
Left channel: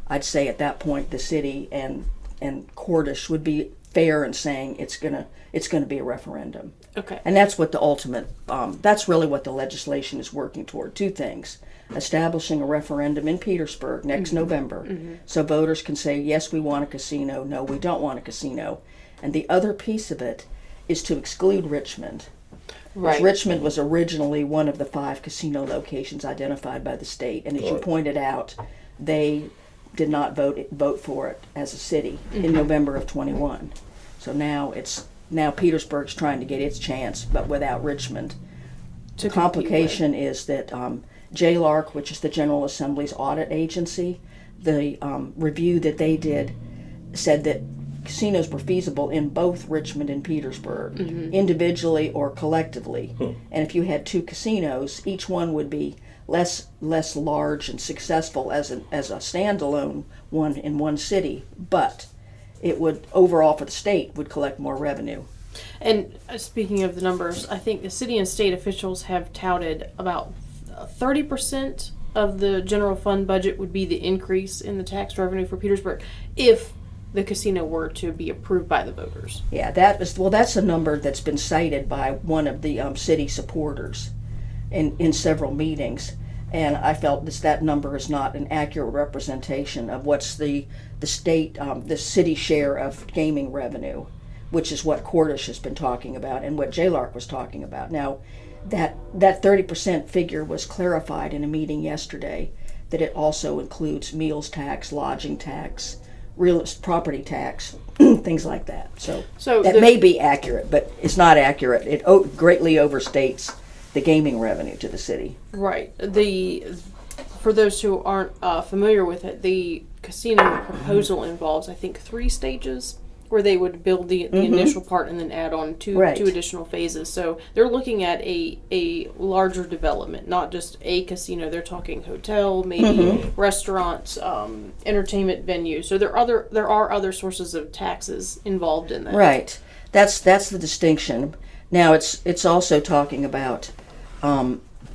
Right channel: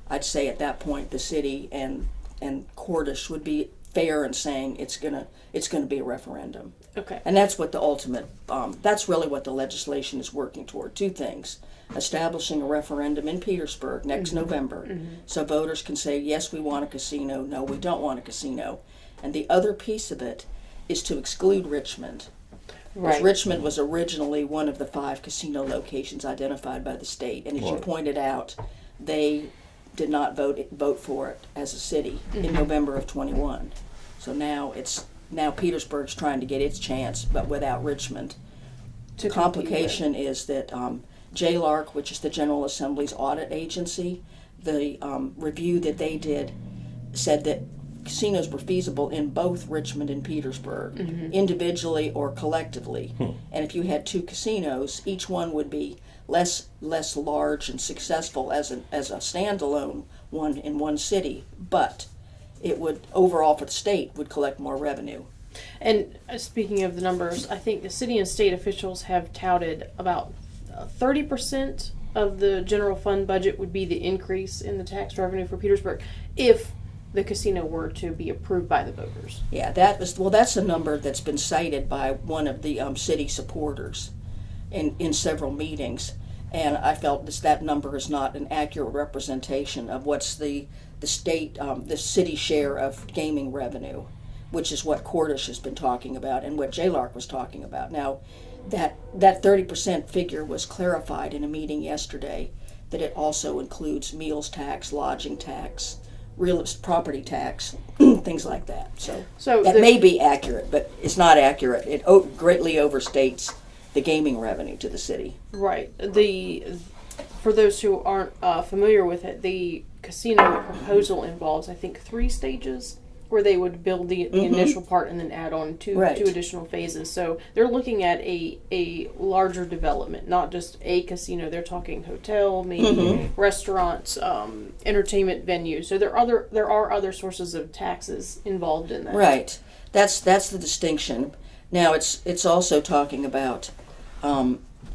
I'd say at that point the city and Cordish would be fair in saying it's gonna be a referendum. Okay. And that's what the ultimate, that's really what the legislation is working toward. Two things: establishing a referendum in Petersburg next November, so voters can say, yes, we want a casino, no, we don't want a casino. And the other piece of it is to exclude Richmond. Right. Richmond was originally one of the 5 casino locations identified by the state, and as you pointed out, they did not vote for it as a city in November of 21. So now Petersburg's trying to get its chance, but without Richmond. The complication is that JLARC, which is the General Assembly's audit agency, the review that they did said that casinos were feasible in both Richmond and Petersburg, individually or collectively. And if you had 2 casinos, each one would be less large and successful as a standalone one in one city, but it would overall for the state would collect more revenue. And speaking of the numbers, I think the city and state officials have touted about 30% of the general fund budget would be the increase in the tax revenue for Petersburg if the casino were to be approved by the voters. Yeah, that's a number that's been cited by one of the city supporters in several meetings, and I felt that number is not an accurate representation of what's the city share of gaming revenue, which is what Cordish has been talking about and what JLARC was talking about. Now, that 30% figure was clarified in a meeting yesterday, that it also includes meals tax, lodging tax, real property tax, things like that. So that may be accurate, but it's not accurate. It greatly overstates the gaming revenue to the city. Right. For those who aren't familiar with it, the casino proposal involves, I think, 3 stages where they would build the initial part and then add on two additional phases. So they're looking at a larger development, not just a casino. They're talking hotel, maybe restaurants, entertainment venues. So there are other sources of taxes involved in that. Right. That's the distinction. Now it's also talking about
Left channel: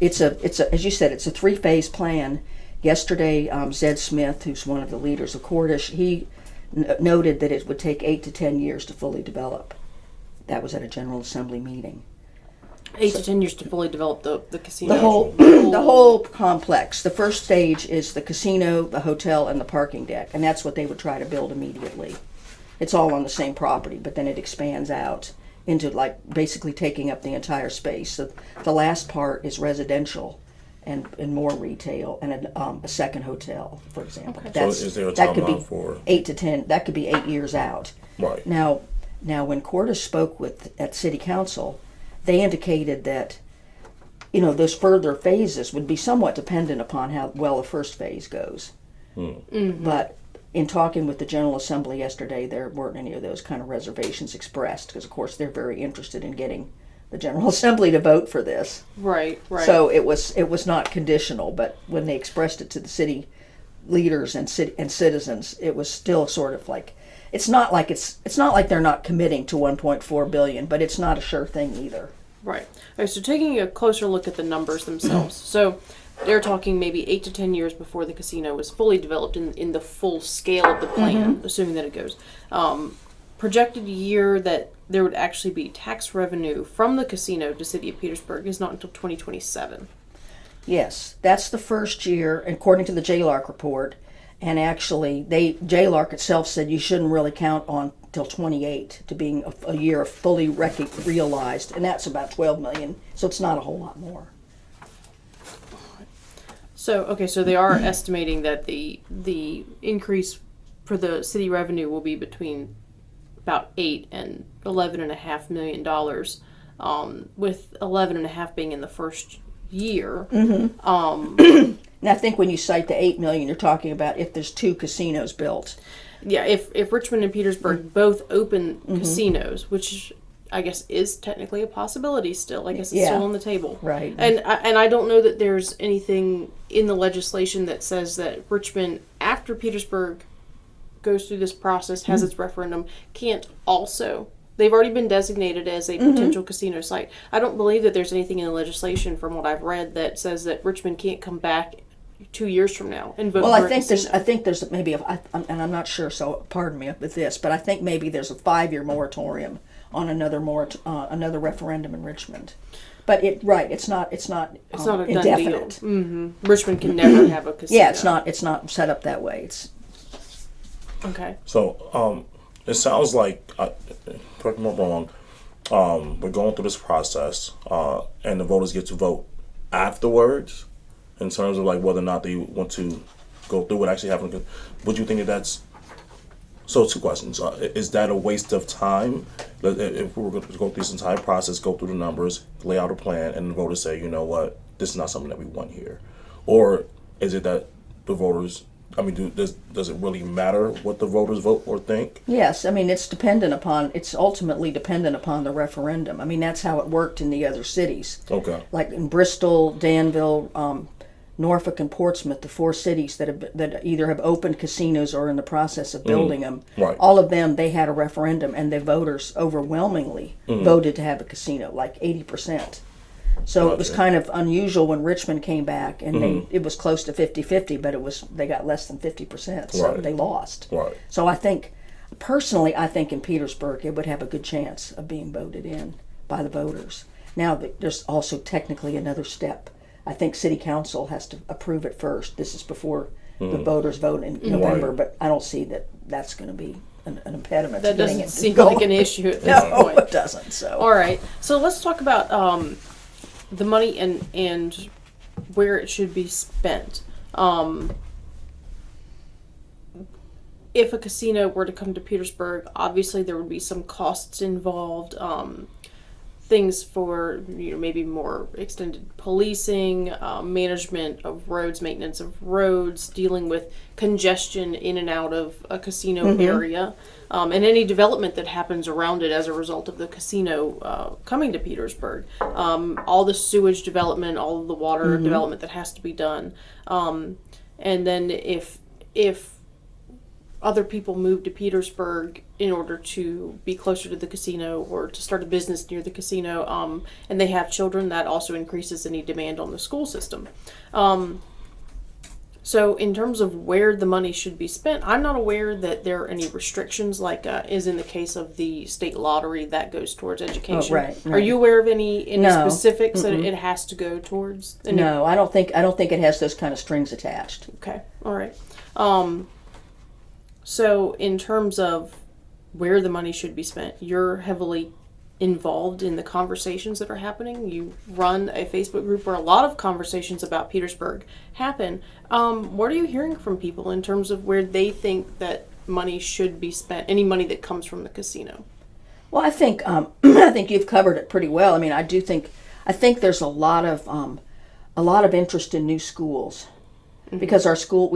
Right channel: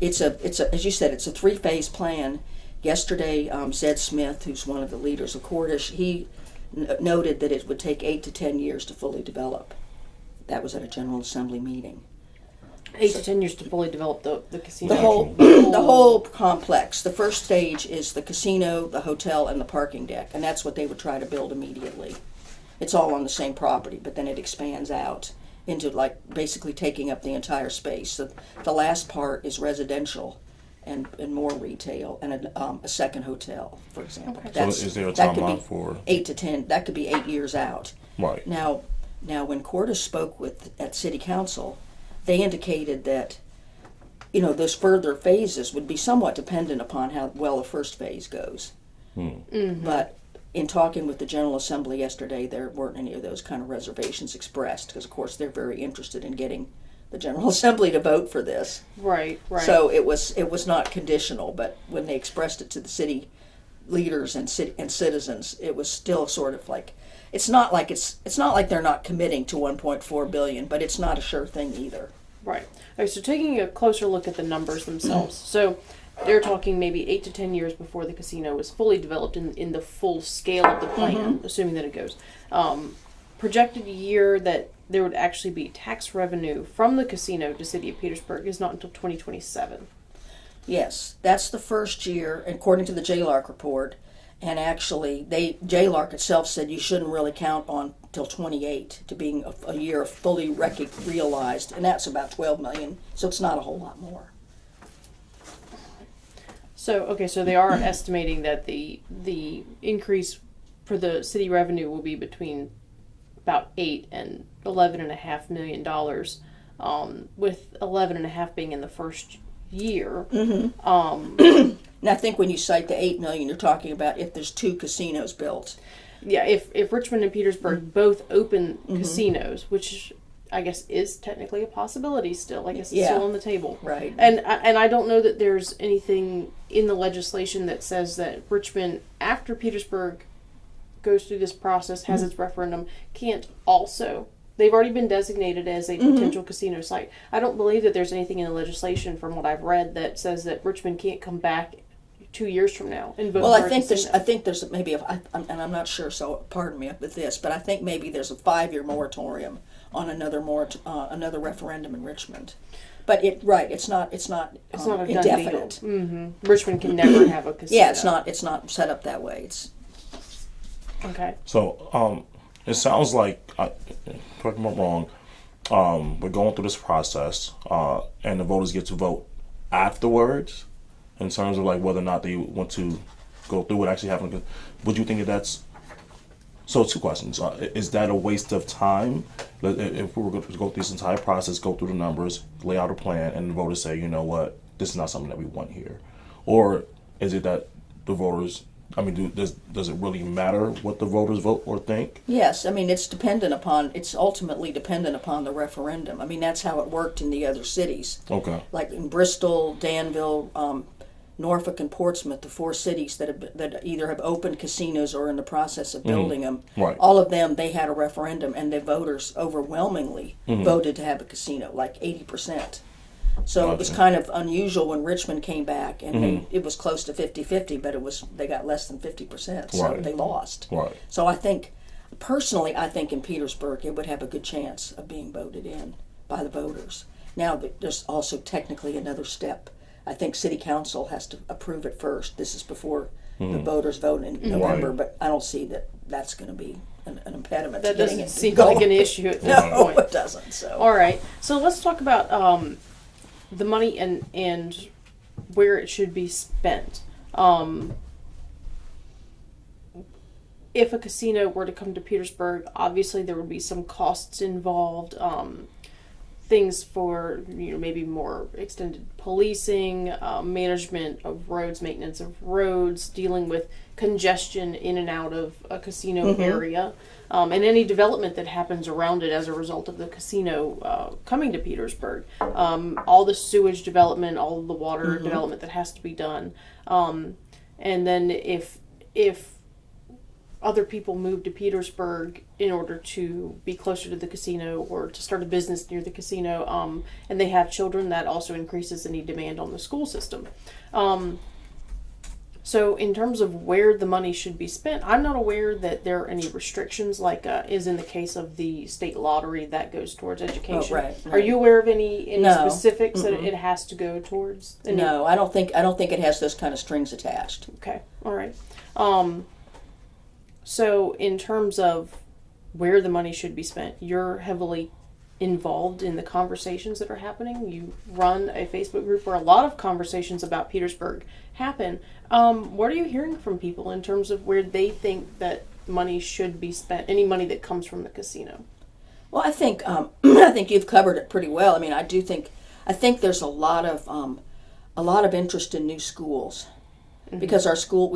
it's as you said, it's a 3-phase plan. Yesterday, Zed Smith, who's one of the leaders of Cordish, he noted that it would take 8 to 10 years to fully develop. That was at a General Assembly meeting. 8 to 10 years to fully develop the casino. The whole complex. The first stage is the casino, the hotel, and the parking deck, and that's what they would try to build immediately. It's all on the same property, but then it expands out into basically taking up the entire space. So the last part is residential and more retail and a second hotel, for example. Okay. So is there a timeline for 8 to 10? That could be 8 years out. Right. Now when Cordish spoke at City Council, they indicated that those further phases would be somewhat dependent upon how well the first phase goes. But in talking with the General Assembly yesterday, there weren't any of those kind of reservations expressed because, of course, they're very interested in getting the General Assembly to vote for this. Right. So it was not conditional, but when they expressed it to the city leaders and citizens, it was still sort of like it's not like they're not committing to 1.4 billion, but it's not a sure thing either. Right. Okay, so taking a closer look at the numbers themselves. So they're talking maybe 8 to 10 years before the casino is fully developed in the full scale of the plan, assuming that it goes. Projected year that there would actually be tax revenue from the casino to City of Petersburg is not until 2027. Yes, that's the first year, according to the JLARC report. And actually, JLARC itself said you shouldn't really count on till 28 to being a year fully realized, and that's about 12 million. So it's not a whole lot more. So they are estimating that the increase for the city revenue will be between about $8 and $11.5 million, with $11.5 being in the first year. Now, I think when you cite the $8 million, you're talking about if there's 2 casinos built. Yeah, if Richmond and Petersburg both open casinos, which I guess is technically a possibility still. I guess it's still on the table. Right. And I don't know that there's anything in the legislation that says that Richmond, after Petersburg goes through this process, has its referendum, can't also. They've already been designated as a potential casino site. I don't believe that there's anything in the legislation, from what I've read, that says that Richmond can't come back 2 years from now and vote for a casino. I think there's maybe, and I'm not sure, so pardon me with this, but I think maybe there's a 5-year moratorium on another referendum in Richmond. But it's not a done indefinite. deal. Richmond can never have a casino. Yeah, it's not set up that way. It's okay. So it sounds like, correct me if I'm wrong, we're going through this process, and the voters get to vote afterwards in terms of whether or not they want to go through it, actually having. Would you think that's? So 2 questions. Is that a waste of time? If we were going to go through this entire process, go through the numbers, lay out a plan, and the voters say, you know what, this is not something that we want here? Or is it that the voters, does it really matter what the voters vote or think? Yes, it's ultimately dependent upon the referendum. That's how it worked in the other cities. Okay. Like in Bristol, Danville, Norfolk, and Portsmouth, the 4 cities that either have opened casinos or are in the process of building them. Right. All of them, they had a referendum, and the voters overwhelmingly voted to have a casino, like 80%. So it was kind of unusual when Richmond came back, and it was close to 50-50, but they got less than 50%, so they lost. Right. So personally, I think in Petersburg it would have a good chance of being voted in by the voters. Now, there's also technically another step. I think City Council has to approve it first. This is before the voters vote in November, but I don't see that that's going to be an impediment to getting it. That doesn't seem like an issue at this point. No, it doesn't. So. All right. So let's talk about the money and where it should be spent. If a casino were to come to Petersburg, obviously there would be some costs involved. Things for maybe more extended policing, management of roads, maintenance of roads, dealing with congestion in and out of a casino area, and any development that happens around it as a result of the casino coming to Petersburg. All the sewage development, all of the water development that has to be done, and then if other people move to Petersburg in order to be closer to the casino or to start a business near the casino, and they have children, that also increases any demand on the school system. So in terms of where the money should be spent, I'm not aware that there are any restrictions like is in the case of the state lottery that goes towards education. Right. Are you aware of any No. specifics that it has to go towards? No, I don't think it has those kind of strings attached. Okay, all right. So in terms of where the money should be spent, you're heavily involved in the conversations that are happening. You run a Facebook group where a lot of conversations about Petersburg happen. What are you hearing from people in terms of where they think that money should be spent, any money that comes from the casino? Well, I think I think you've covered it pretty well. I mean, I think there's a lot of interest in new schools. Because our school,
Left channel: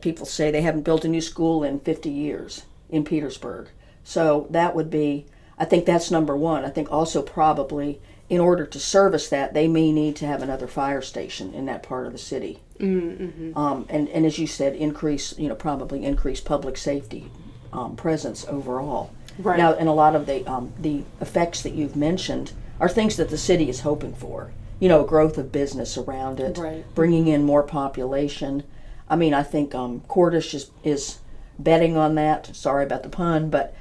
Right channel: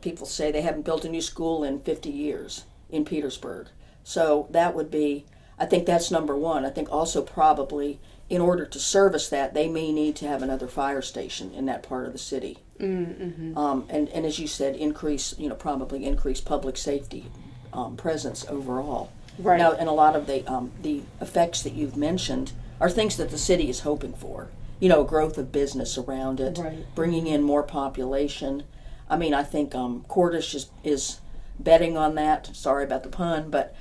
people say they haven't built a new school in 50 years in Petersburg. So that would be, I think that's number one. I think also probably in order to service that, they may need to have another fire station in that part of the city. And as you said, probably increase public safety presence overall. Right. Now, and a lot of the effects that you've mentioned are things that the city is hoping for. Growth of business around it, bringing in more population. I mean, I think Cordish is betting on that. Sorry about the pun, but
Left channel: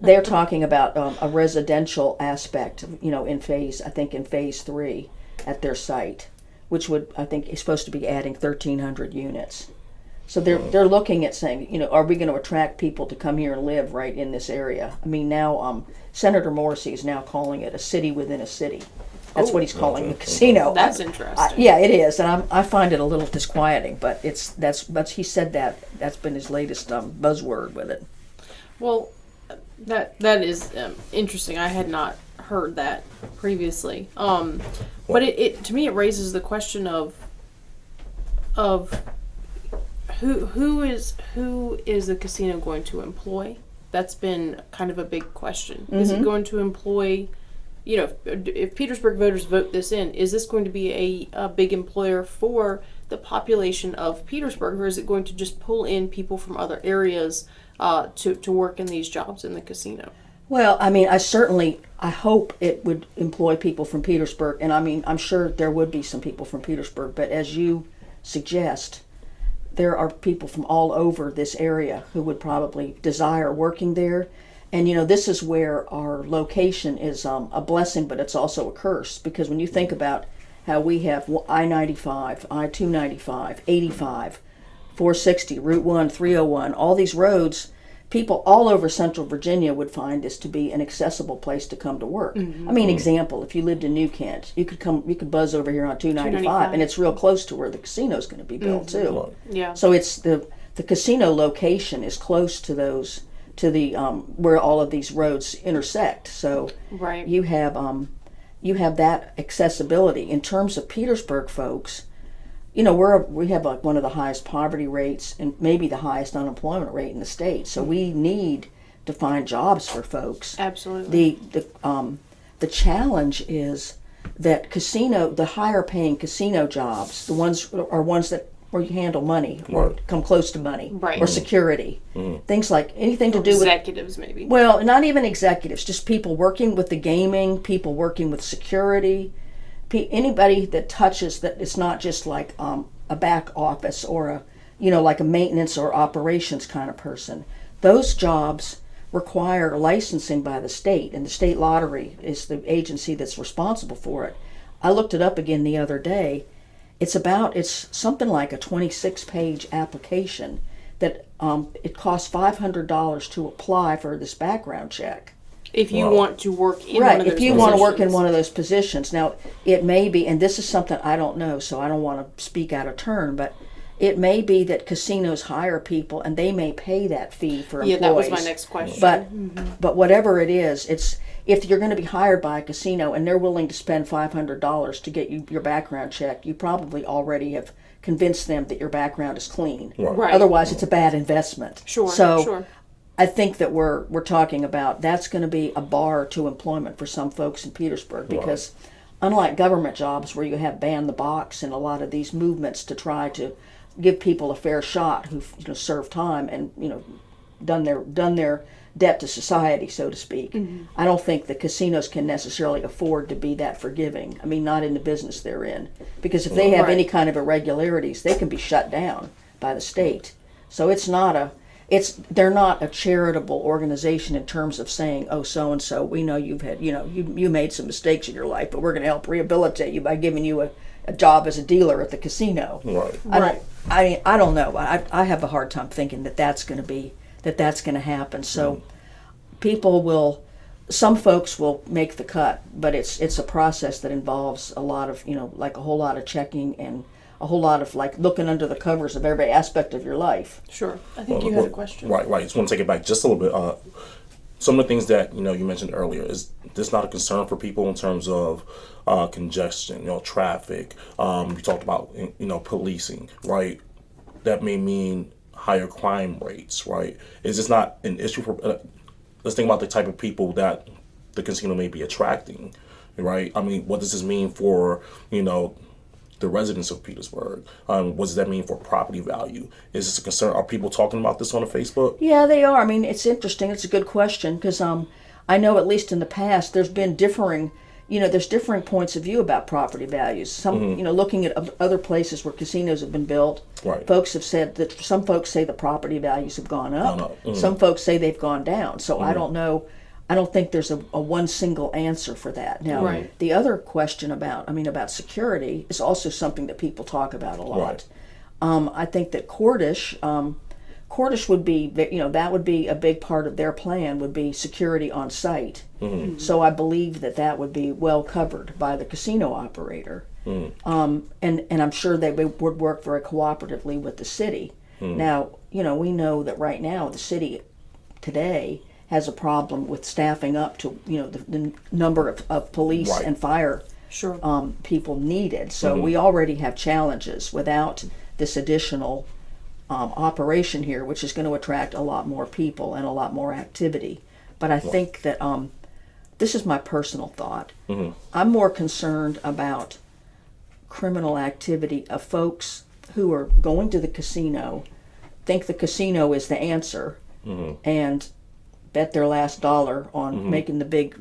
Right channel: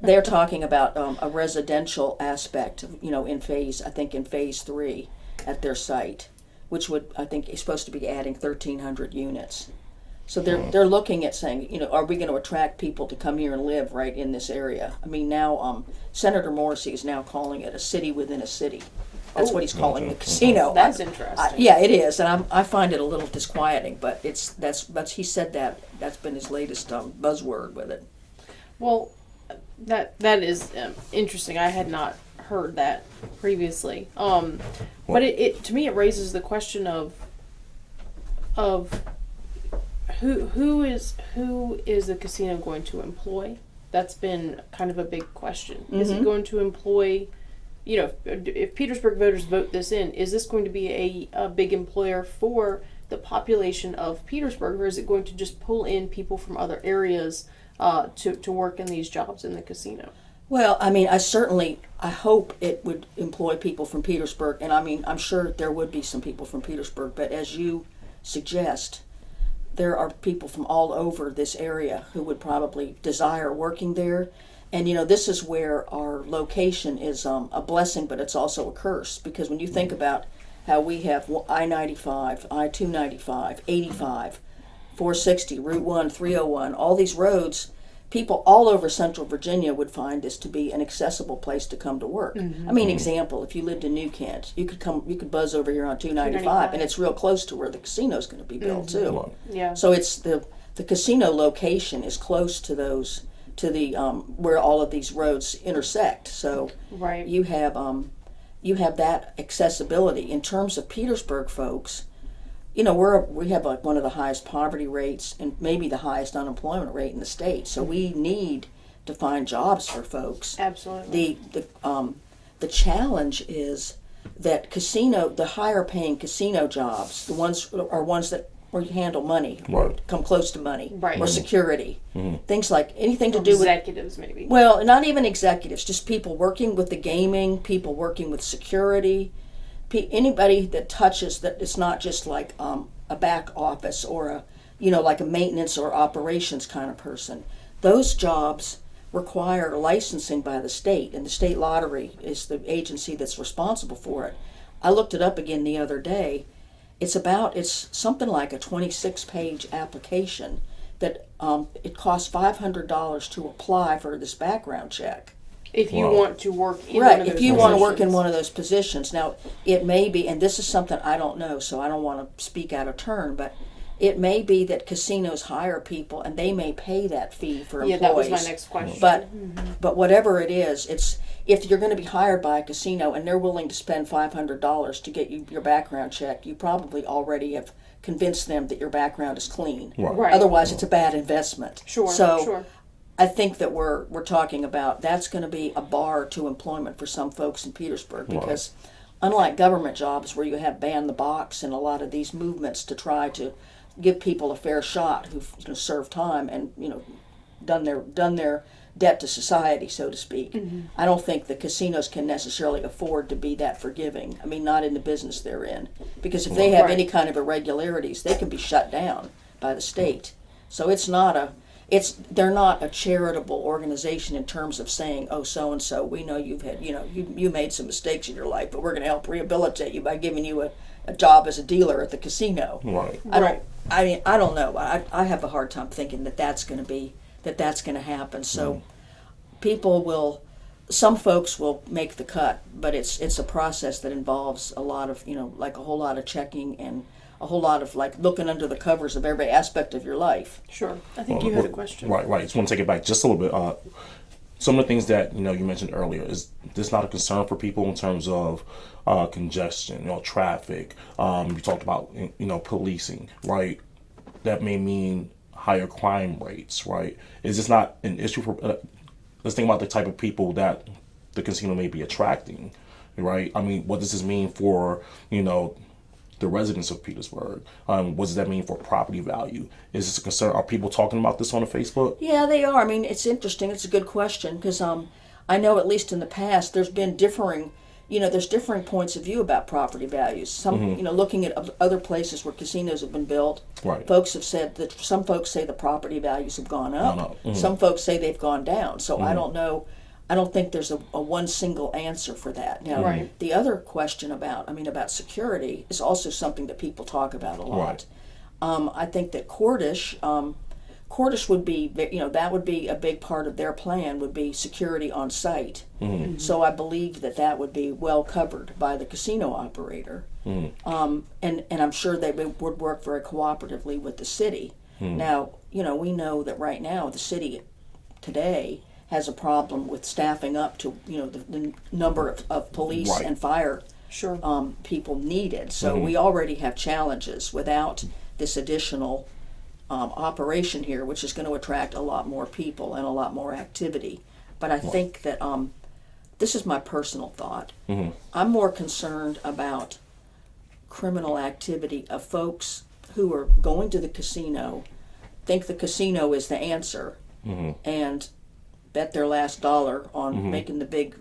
they're talking about a residential aspect, in phase 3 at their site, which I think is supposed to be adding 1,300 units. So they're looking at saying, are we going to attract people to come here and live right in this area? I mean, now Senator Morrissey is now calling it a city within a city. That's what he's calling the casino. That's interesting. Yeah, it is, and I find it a little disquieting. But that's he said that's been his latest buzzword with it. Well, that is interesting. I had not heard that previously. But it to me it raises the question of who is the casino going to employ? That's been kind of a big question. Is it going to employ, if Petersburg voters vote this in, is this going to be a big employer for the population of Petersburg, or is it going to just pull in people from other areas to work in these jobs in the casino? Well, I mean, I hope it would employ people from Petersburg, and I mean, I'm sure there would be some people from Petersburg, but as you suggest, there are people from all over this area who would probably desire working there. And, this is where our location is a blessing, but it's also a curse. Because when you think about how we have I-95, I-295, 85, 460, Route 1, 301, all these roads, people all over Central Virginia would find this to be an accessible place to come to work. I mean, example, if you lived in New Kent, you could buzz over here on 295, and it's real close to where the casino's going to be built too. Yeah. So it's the casino location is close to those where all of these roads intersect. So you have that accessibility. In terms of Petersburg folks, we have like one of the highest poverty rates and maybe the highest unemployment rate in the state. So we need to find jobs for folks. Absolutely. The challenge is that the higher paying casino jobs, the ones that where you handle money or come close to money or security, things like anything to do with executives, maybe. Well, not even executives, just people working with the gaming, people working with security. Anybody that touches that, it's not just like a back office or like a maintenance or operations kind of person. Those jobs require licensing by the state, and the state lottery is the agency that's responsible for it. I looked it up again the other day. It's something like a 26-page application that it costs $500 to apply for this background check. If you want to work in one Right, of those if you want to work in positions. one of those positions. Now, it may be, and this is something I don't know, so I don't want to speak out of turn, but it may be that casinos hire people and they may pay that fee for employees. Yeah, that was my next question. But whatever it is, it's if you're going to be hired by a casino and they're willing to spend $500 to get you your background check, you probably already have convinced them that your background is clean. Right. Otherwise, it's a bad investment. Sure, So sure. I think that we're talking about that's going to be a bar to employment for some folks in Petersburg because unlike government jobs where you have banned the box and a lot of these movements to try to give people a fair shot who've served time and done their debt to society, so to speak. I don't think the casinos can necessarily afford to be that forgiving. I mean, not in the business they're in, because if they have any kind of irregularities, they can be shut down by the state. So they're not a charitable organization in terms of saying, oh, so and so, we know you've had you made some mistakes in your life, but we're going to help rehabilitate you by giving you a job as a dealer at the casino. Right. I don't know. I have a hard time thinking that's going to happen. So some folks will make the cut, but it's a process that involves a lot of like a whole lot of checking and a whole lot of like looking under the covers of every aspect of your life. Sure. I think you had a question. Right. Just want to take it back just a little bit. Some of the things that you mentioned earlier, is this not a concern for people in terms of congestion, traffic? You talked about policing, right? That may mean higher crime rates, right? Is this not an issue for? Let's think about the type of people that the casino may be attracting, right? I mean, what does this mean for the residents of Petersburg? What does that mean for property value? Is this a concern? Are people talking about this on Facebook? Yeah, they are. I mean, it's interesting. It's a good question because I know at least in the past there's been differing points of view about property values. Some, looking at other places where casinos have been built, folks have said that some folks say the property values have gone up. Some folks say they've gone down. So I don't know. I don't think there's a one single answer for that. Now, the other question about security is also something that people talk about a lot. I think that Cordish would be, that would be a big part of their plan would be security on site. So I believe that would be well covered by the casino operator. And I'm sure they would work very cooperatively with the city. Now, we know that right now the city today has a problem with staffing up to the number of police and fire people needed. So we already have challenges without this additional operation here, which is going to attract a lot more people and a lot more activity. But I think that this is my personal thought. I'm more concerned about criminal activity of folks who are going to the casino, think the casino is the answer, and bet their last dollar on making the big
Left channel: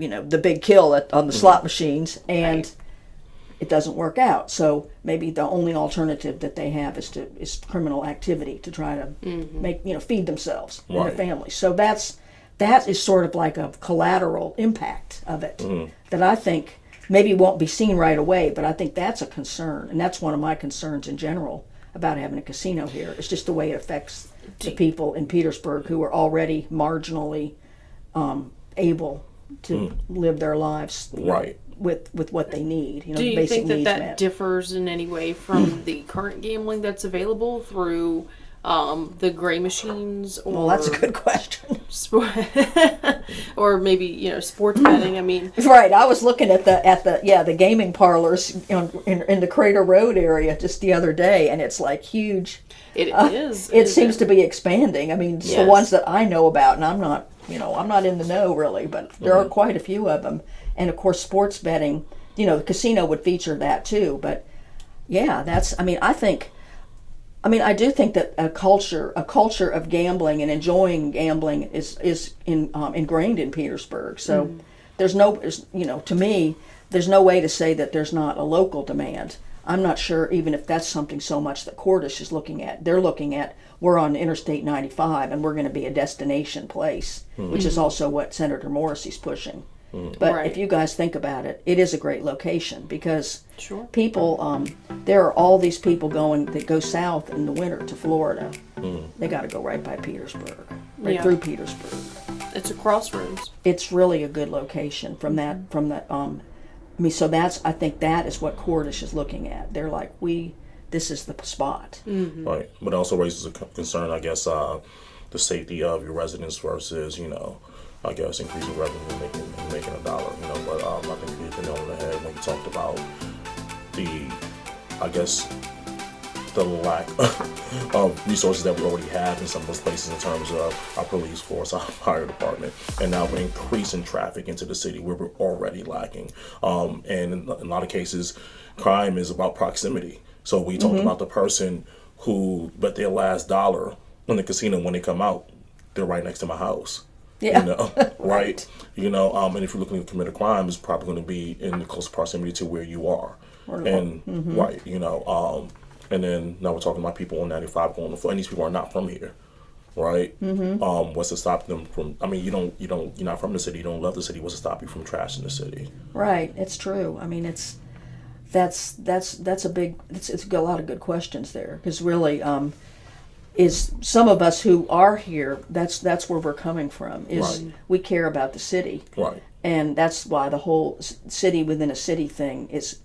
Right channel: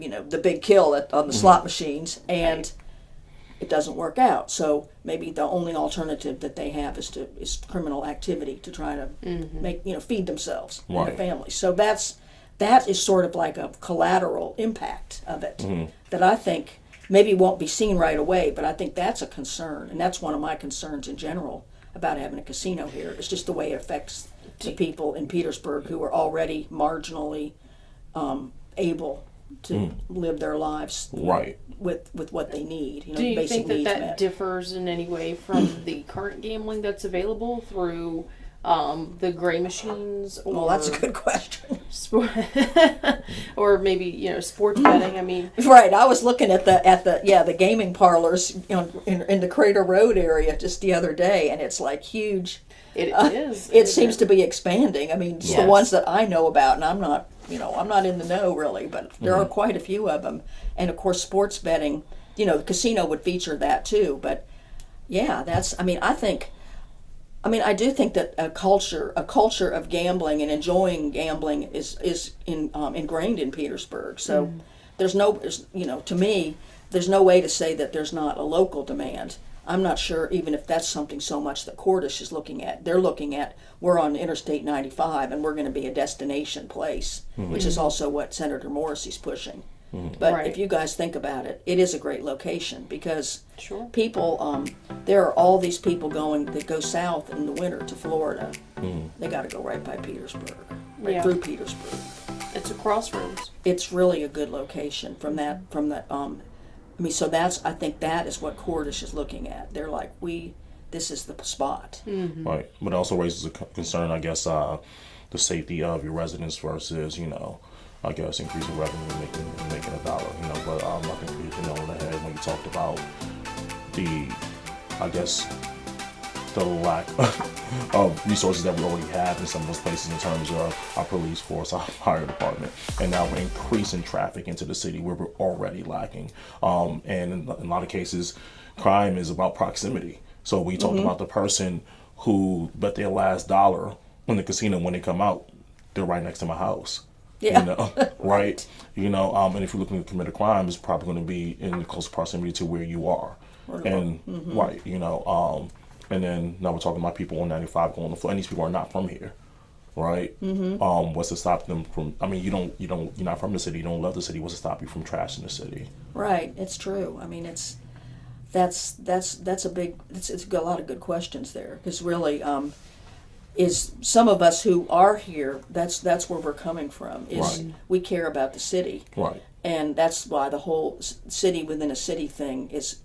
kill on the slot machines, and it doesn't work out. So maybe the only alternative that they have is criminal activity to try to feed themselves and their families. So that is sort of like a collateral impact of it that I think maybe won't be seen right away, but I think that's a concern, and that's one of my concerns in general about having a casino here. It's just the way it affects the people in Petersburg who are already marginally able to live their lives with what they need. Do you basic think that needs that met. differs in any way from the current gambling that's available through the gray machines? Or Well, that's a good question. Or maybe sports betting. I mean, Right, I was looking at the gaming parlors in the Crater Road area just the other day, and it's like huge. It is. It seems to be expanding. I mean, just the ones that I know about, and I'm not in the know really, but there are quite a few of them. And of course, sports betting, the casino would feature that too. But yeah, I do think that a culture of gambling and enjoying gambling is ingrained in Petersburg. So there's to me, there's no way to say that there's not a local demand. I'm not sure even if that's something so much that Cordish is looking at. They're looking at, we're on Interstate 95 and we're going to be a destination place, which is also what Senator Morrissey's pushing. But if you guys think about it, it is a great location because people, there are all these people that go south in the winter to Florida. They got to go right by Petersburg, through Petersburg. It's a crossroads. It's really a good location from that. So I think that is what Cordish is looking at. They're like, this is the spot. Right, but it also raises a concern, I guess, the safety of your residents versus, I guess, increasing revenue and making a dollar, but I think you hit the nail on the head when you talked about the lack of resources that we already have in some of those places in terms of our police force, our fire department, and now we're increasing traffic into the city where we're already lacking. And in a lot of cases, crime is about proximity. So we talked about the person who bet their last dollar in the casino when they come out, they're right next to my house. Yeah. Right? And if you're looking to commit a crime, it's probably going to be in close proximity to where you are. And right, and then now we're talking about people on 95 going to Florida, and these people are not from here, right? What's to stop them from? I mean, you're not from the city. You don't love the city. What's to stop you from trashing the city? Right. It's true. I mean, that's a lot of good questions there, because really, is some of us who are here, that's where we're coming from. Is Right. We care about the city, Right. and that's why the whole city within a city thing is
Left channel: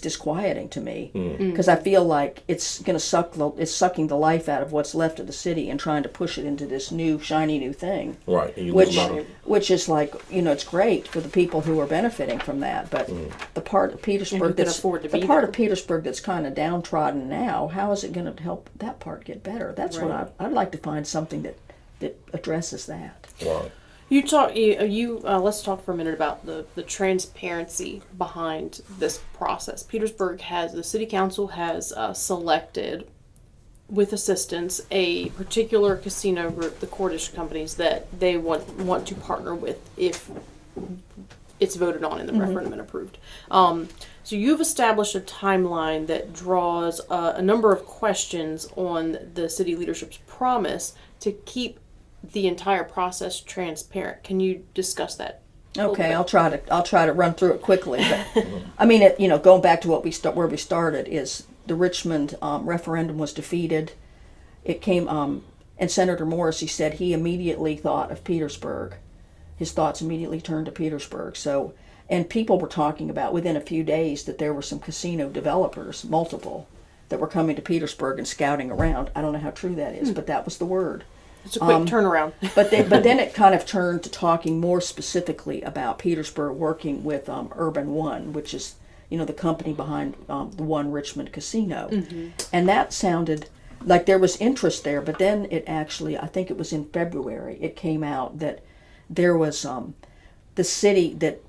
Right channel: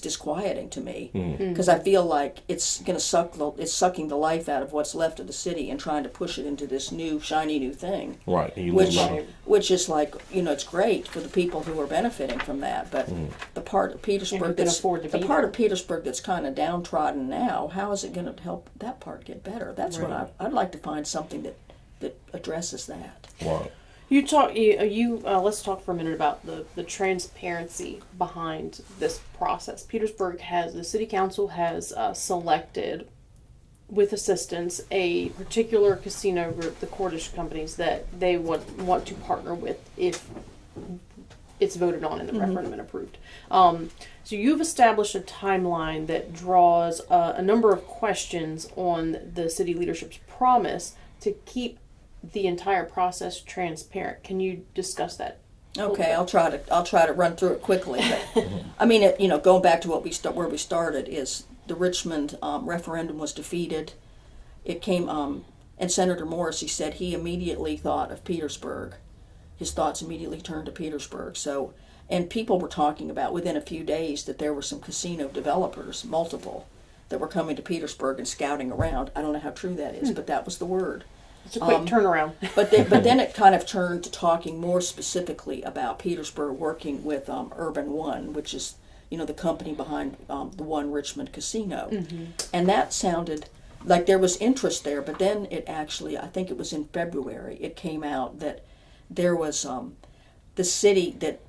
disquieting to me, because I feel like it's sucking the life out of what's left of the city and trying to push it into this new shiny new thing. Right. And Which is like, it's great for the people who are benefiting from that, but the part of Petersburg of Petersburg that's kind of downtrodden now, how is it going to help that part get better? That's what I'd like to find something that addresses that. Right. Let's talk for a minute about the transparency behind this process. The city council has selected, with assistance, a particular casino group, the Cordish companies, that they want to partner with if it's voted on in the referendum and approved. So you've established a timeline that draws a number of questions on the city leadership's promise to keep the entire process transparent. Can you discuss that? Okay, I'll try to run through it quickly. But, I mean, going back to where we started is the Richmond referendum was defeated. It came, and Senator Morrissey said he immediately thought of Petersburg. His thoughts immediately turned to Petersburg. So, and people were talking about within a few days that there were some casino developers, multiple, that were coming to Petersburg and scouting around. I don't know how true that is, but that was the word. It's a quick turnaround. but then it kind of turned to talking more specifically about Petersburg working with Urban One, which is the company behind the One Richmond Casino, and that sounded like there was interest there. But then it actually, I think it was in February, it came out that there was the city that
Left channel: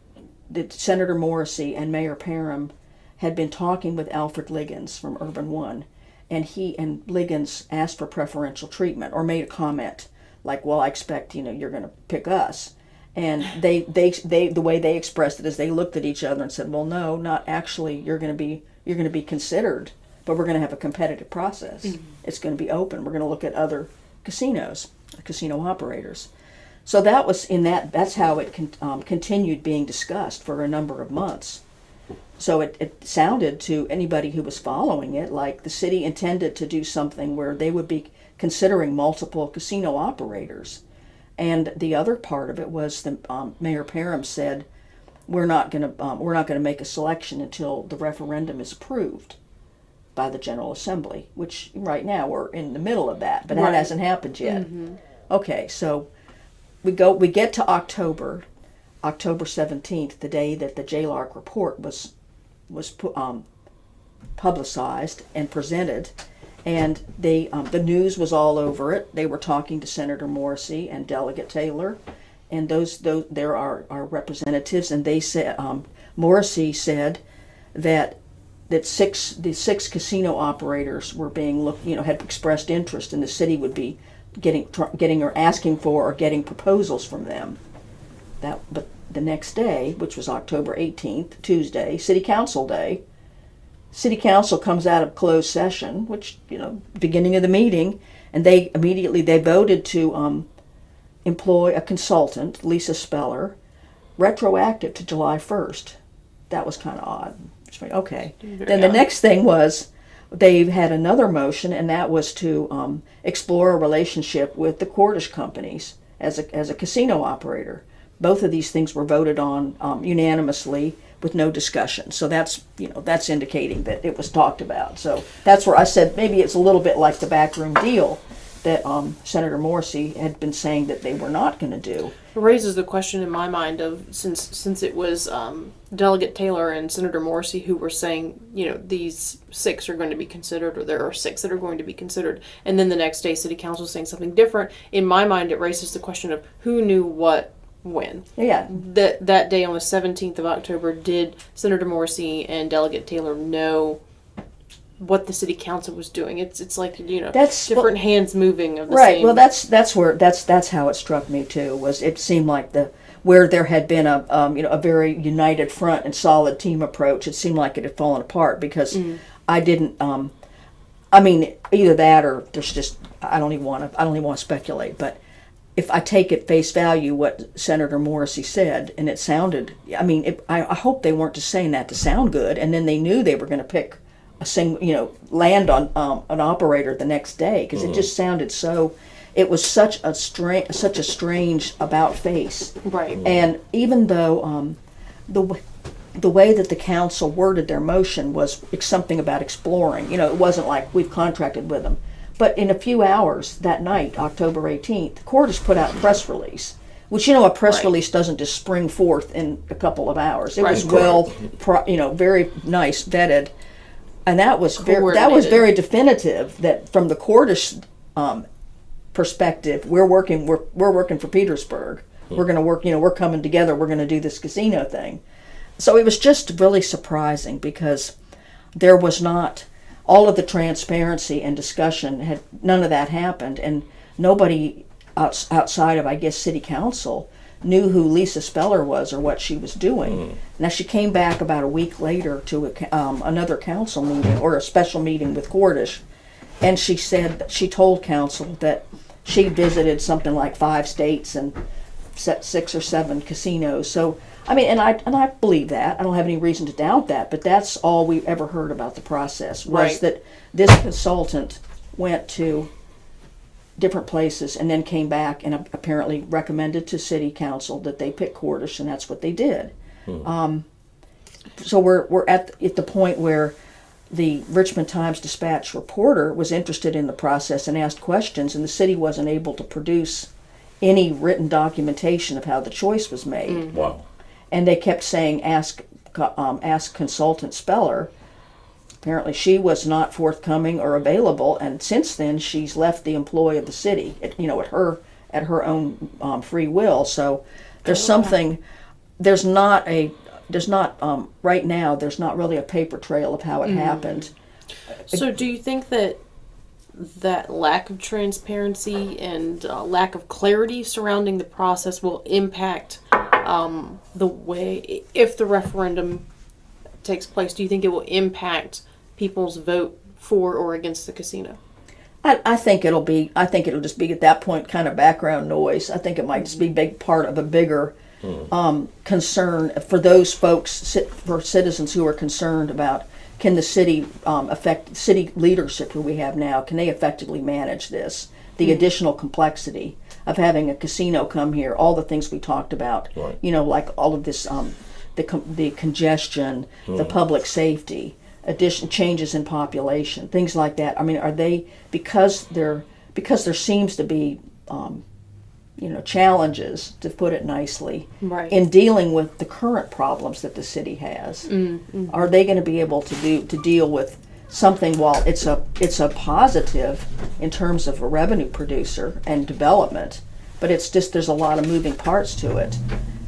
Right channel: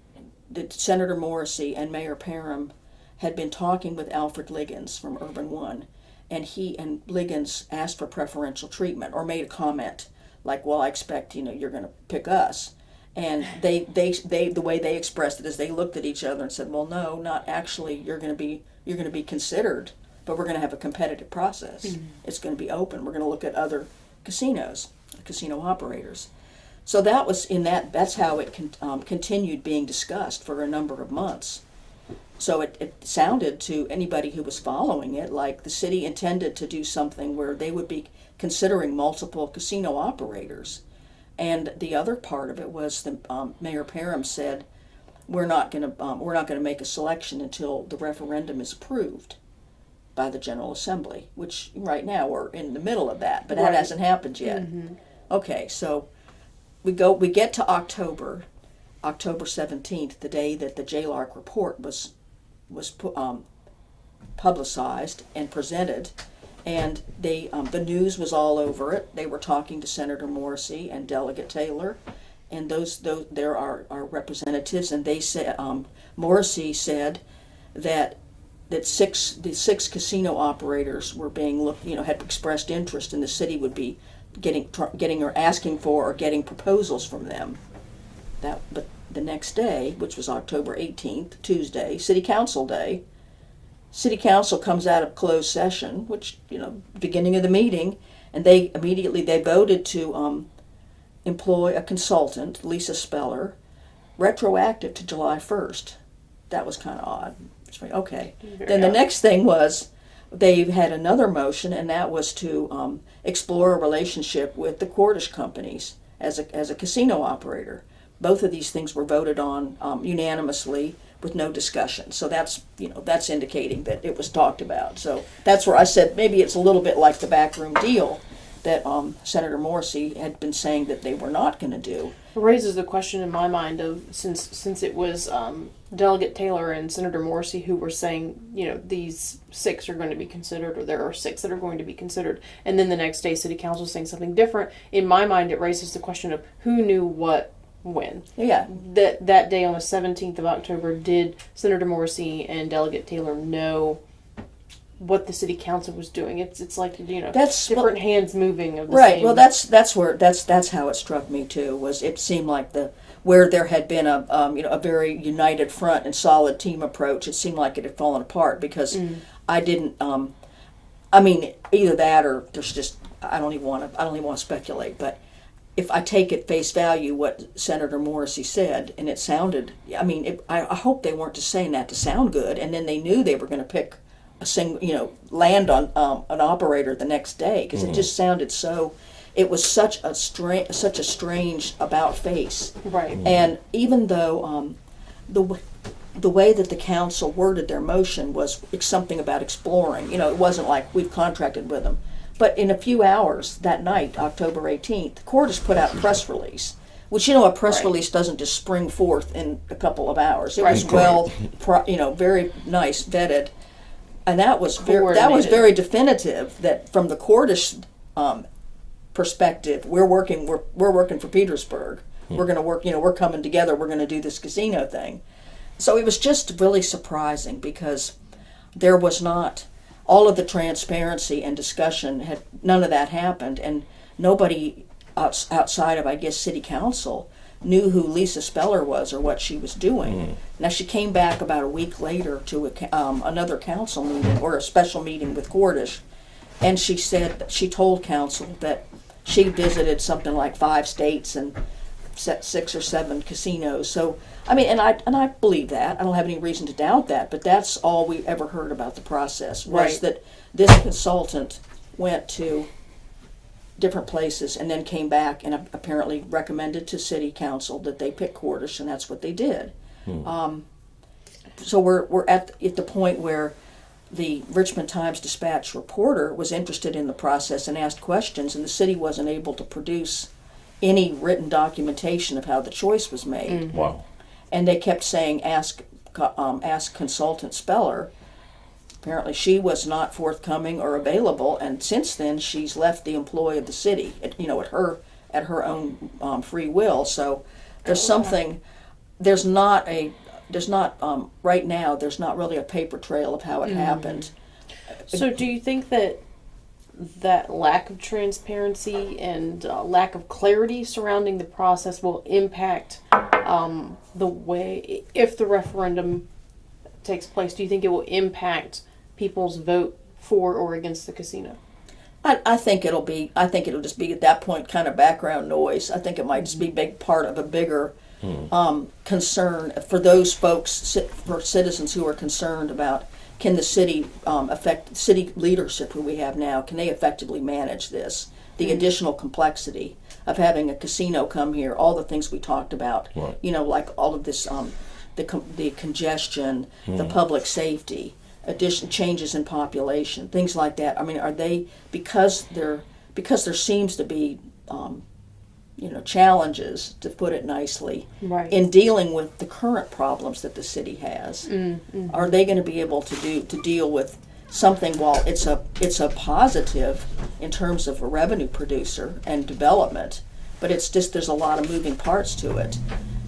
Senator Morrissey and Mayor Parham had been talking with Alfred Liggins from Urban One. And he and Liggins asked for preferential treatment, or made a comment like, "Well, I expect you're going to pick us." And they the way they expressed it is they looked at each other and said, "Well, no, not actually. You're going to be considered, but we're going to have a competitive process. It's going to be open. We're going to look at other casinos, casino operators." So that was that's how it continued being discussed for a number of months. So it sounded to anybody who was following it like the city intended to do something where they would be considering multiple casino operators. And the other part of it was that Mayor Parham said, we're not going to make a selection until the referendum is approved by the General Assembly, which right now we're in the middle of that, but that hasn't happened yet. Okay, so we get to October 17th, the day that the JLARC report was publicized and presented, and the news was all over it. They were talking to Senator Morrissey and Delegate Taylor, and those there are representatives, and they said Morrissey said that the six casino operators were being had expressed interest, and the city would be getting or asking for or getting proposals from them. But the next day, which was October 18th, Tuesday, City Council Day, City Council comes out of closed session, which, beginning of the meeting, and they voted to employ a consultant, Lisa Speller, retroactive to July 1st. That was kind of odd. Okay. Then the next thing was they had another motion, and that was to explore a relationship with the Cordish companies as a casino operator. Both of these things were voted on unanimously with no discussion. So that's indicating that it was talked about. So that's where I said maybe it's a little bit like the backroom deal that Senator Morrissey had been saying that they were not going to do. It raises the question in my mind of since it was Delegate Taylor and Senator Morrissey who were saying, these 6 are going to be considered, or there are 6 that are going to be considered, and then the next day City Council is saying something different. In my mind, it raises the question of who knew what when. Yeah. That day on the 17th of October, did Senator Morrissey and Delegate Taylor know what the City Council was doing? It's like, that's different hands moving of the right. same. Well, that's how it struck me too. Was it seemed like where there had been a very united front and solid team approach, it seemed like it had fallen apart because I didn't. Either that or there's just I don't even want to speculate, but. If I take at face value what Senator Morrissey said, and it sounded, I hope they weren't just saying that to sound good, and then they knew they were going to pick a single, land on an operator the next day, because it just sounded so. It was such a strange about face, right? And even though the way that the council worded their motion was something about exploring, it wasn't like we've contracted with them. But in a few hours that night, October 18th, the court has put out a press release, which, a press release doesn't just spring forth in a couple of hours. It was very nice, vetted. And that was very definitive that from the courtish perspective, we're working for Petersburg. We're going to work, we're coming together. We're going to do this casino thing. So it was just really surprising because there was not all of the transparency and discussion none of that happened, and nobody outside of, I guess, City Council knew who Lisa Speller was or what she was doing. Now she came back about a week later to another council meeting or a special meeting with Cordish, and she said she told council that she visited something like 5 states and 6 or 7 casinos. So and I believe that. I don't have any reason to doubt that, but that's all we've ever heard about the process was that this consultant went to different places and then came back and apparently recommended to City Council that they pick Cordish, and that's what they did. So we're at the point where the Richmond Times-Dispatch reporter was interested in the process and asked questions, and the city wasn't able to produce any written documentation of how the choice was made. Wow. And they kept saying, ask consultant Speller. Apparently she was not forthcoming or available, and since then she's left the employ of the city, at her own free will. So there's something, there's not right now, there's not really a paper trail of how it happened. So do you think that lack of transparency and lack of clarity surrounding the process will impact the way, if the referendum takes place, do you think it will impact people's vote for or against the casino? I think it'll just be at that point kind of background noise. I think it might just be a big part of a bigger concern for those folks, for citizens who are concerned about can the city affect city leadership who we have now, can they effectively manage this? The additional complexity of having a casino come here, all the things we talked about, like all of this, the congestion, the public safety, changes in population, things like that. Are they, because there seems to be challenges, to put it nicely, in dealing with the current problems that the city has. Are they going to be able to deal with something while it's a positive in terms of a revenue producer and development, but it's just there's a lot of moving parts to it.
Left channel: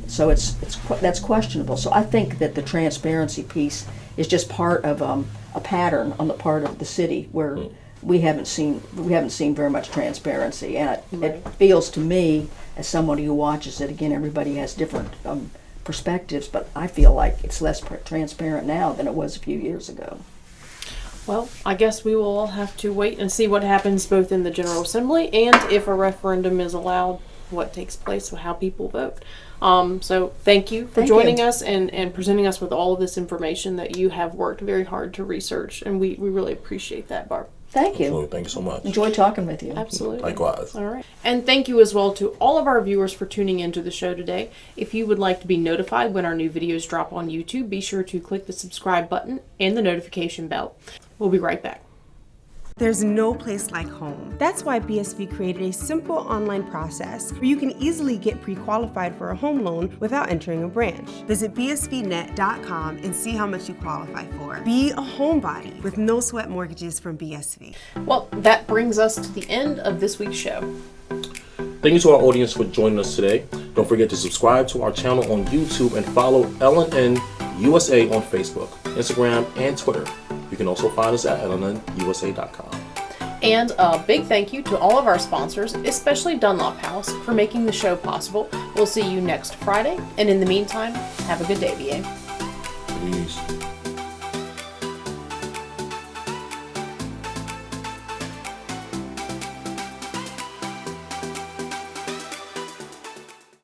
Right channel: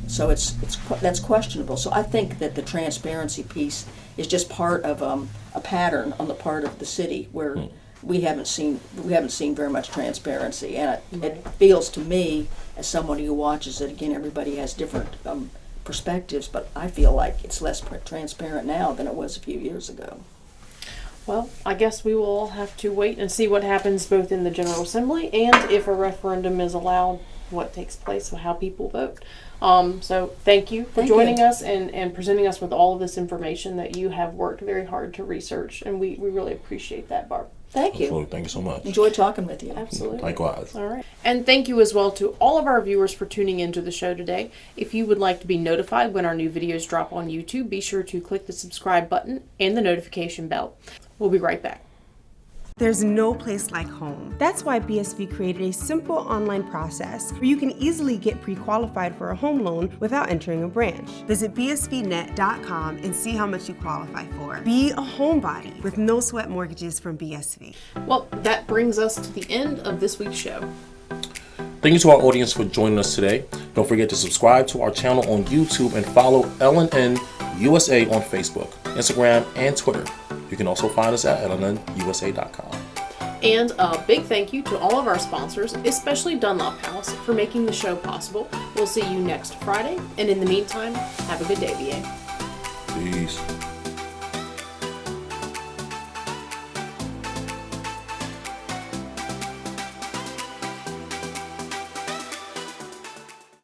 So that's questionable. So I think that the transparency piece is just part of a pattern on the part of the city where we haven't seen very much transparency, and it feels to me, as somebody who watches it, again, everybody has different perspectives, but I feel like it's less transparent now than it was a few years ago. Well, I guess we will all have to wait and see what happens both in the General Assembly and if a referendum is allowed, what takes place, how people vote. So thank you for joining us and presenting us with all of this information that you have worked very hard to research, and we really appreciate that, Barb. Thank you. Absolutely. Thank you so much. Enjoy talking with you. Absolutely. Likewise. All right. And thank you as well to all of our viewers for tuning into the show today. If you would like to be notified when our new videos drop on YouTube, be sure to click the subscribe button and the notification bell. We'll be right back. There's no place like home. That's why BSV created a simple online process where you can easily get pre-qualified for a home loan without entering a branch. Visit bsvnet.com and see how much you qualify for. Be a homebody with no sweat mortgages from BSV. Well, that brings us to the end of this week's show. Thank you to our audience for joining us today. Don't forget to subscribe to our channel on YouTube and follow LNN USA on Facebook, Instagram, and Twitter. You can also find us at lnnusa.com. And a big thank you to all of our sponsors, especially Dunlop House, for making the show possible. We'll see you next Friday, and in the meantime, have a good day, VA.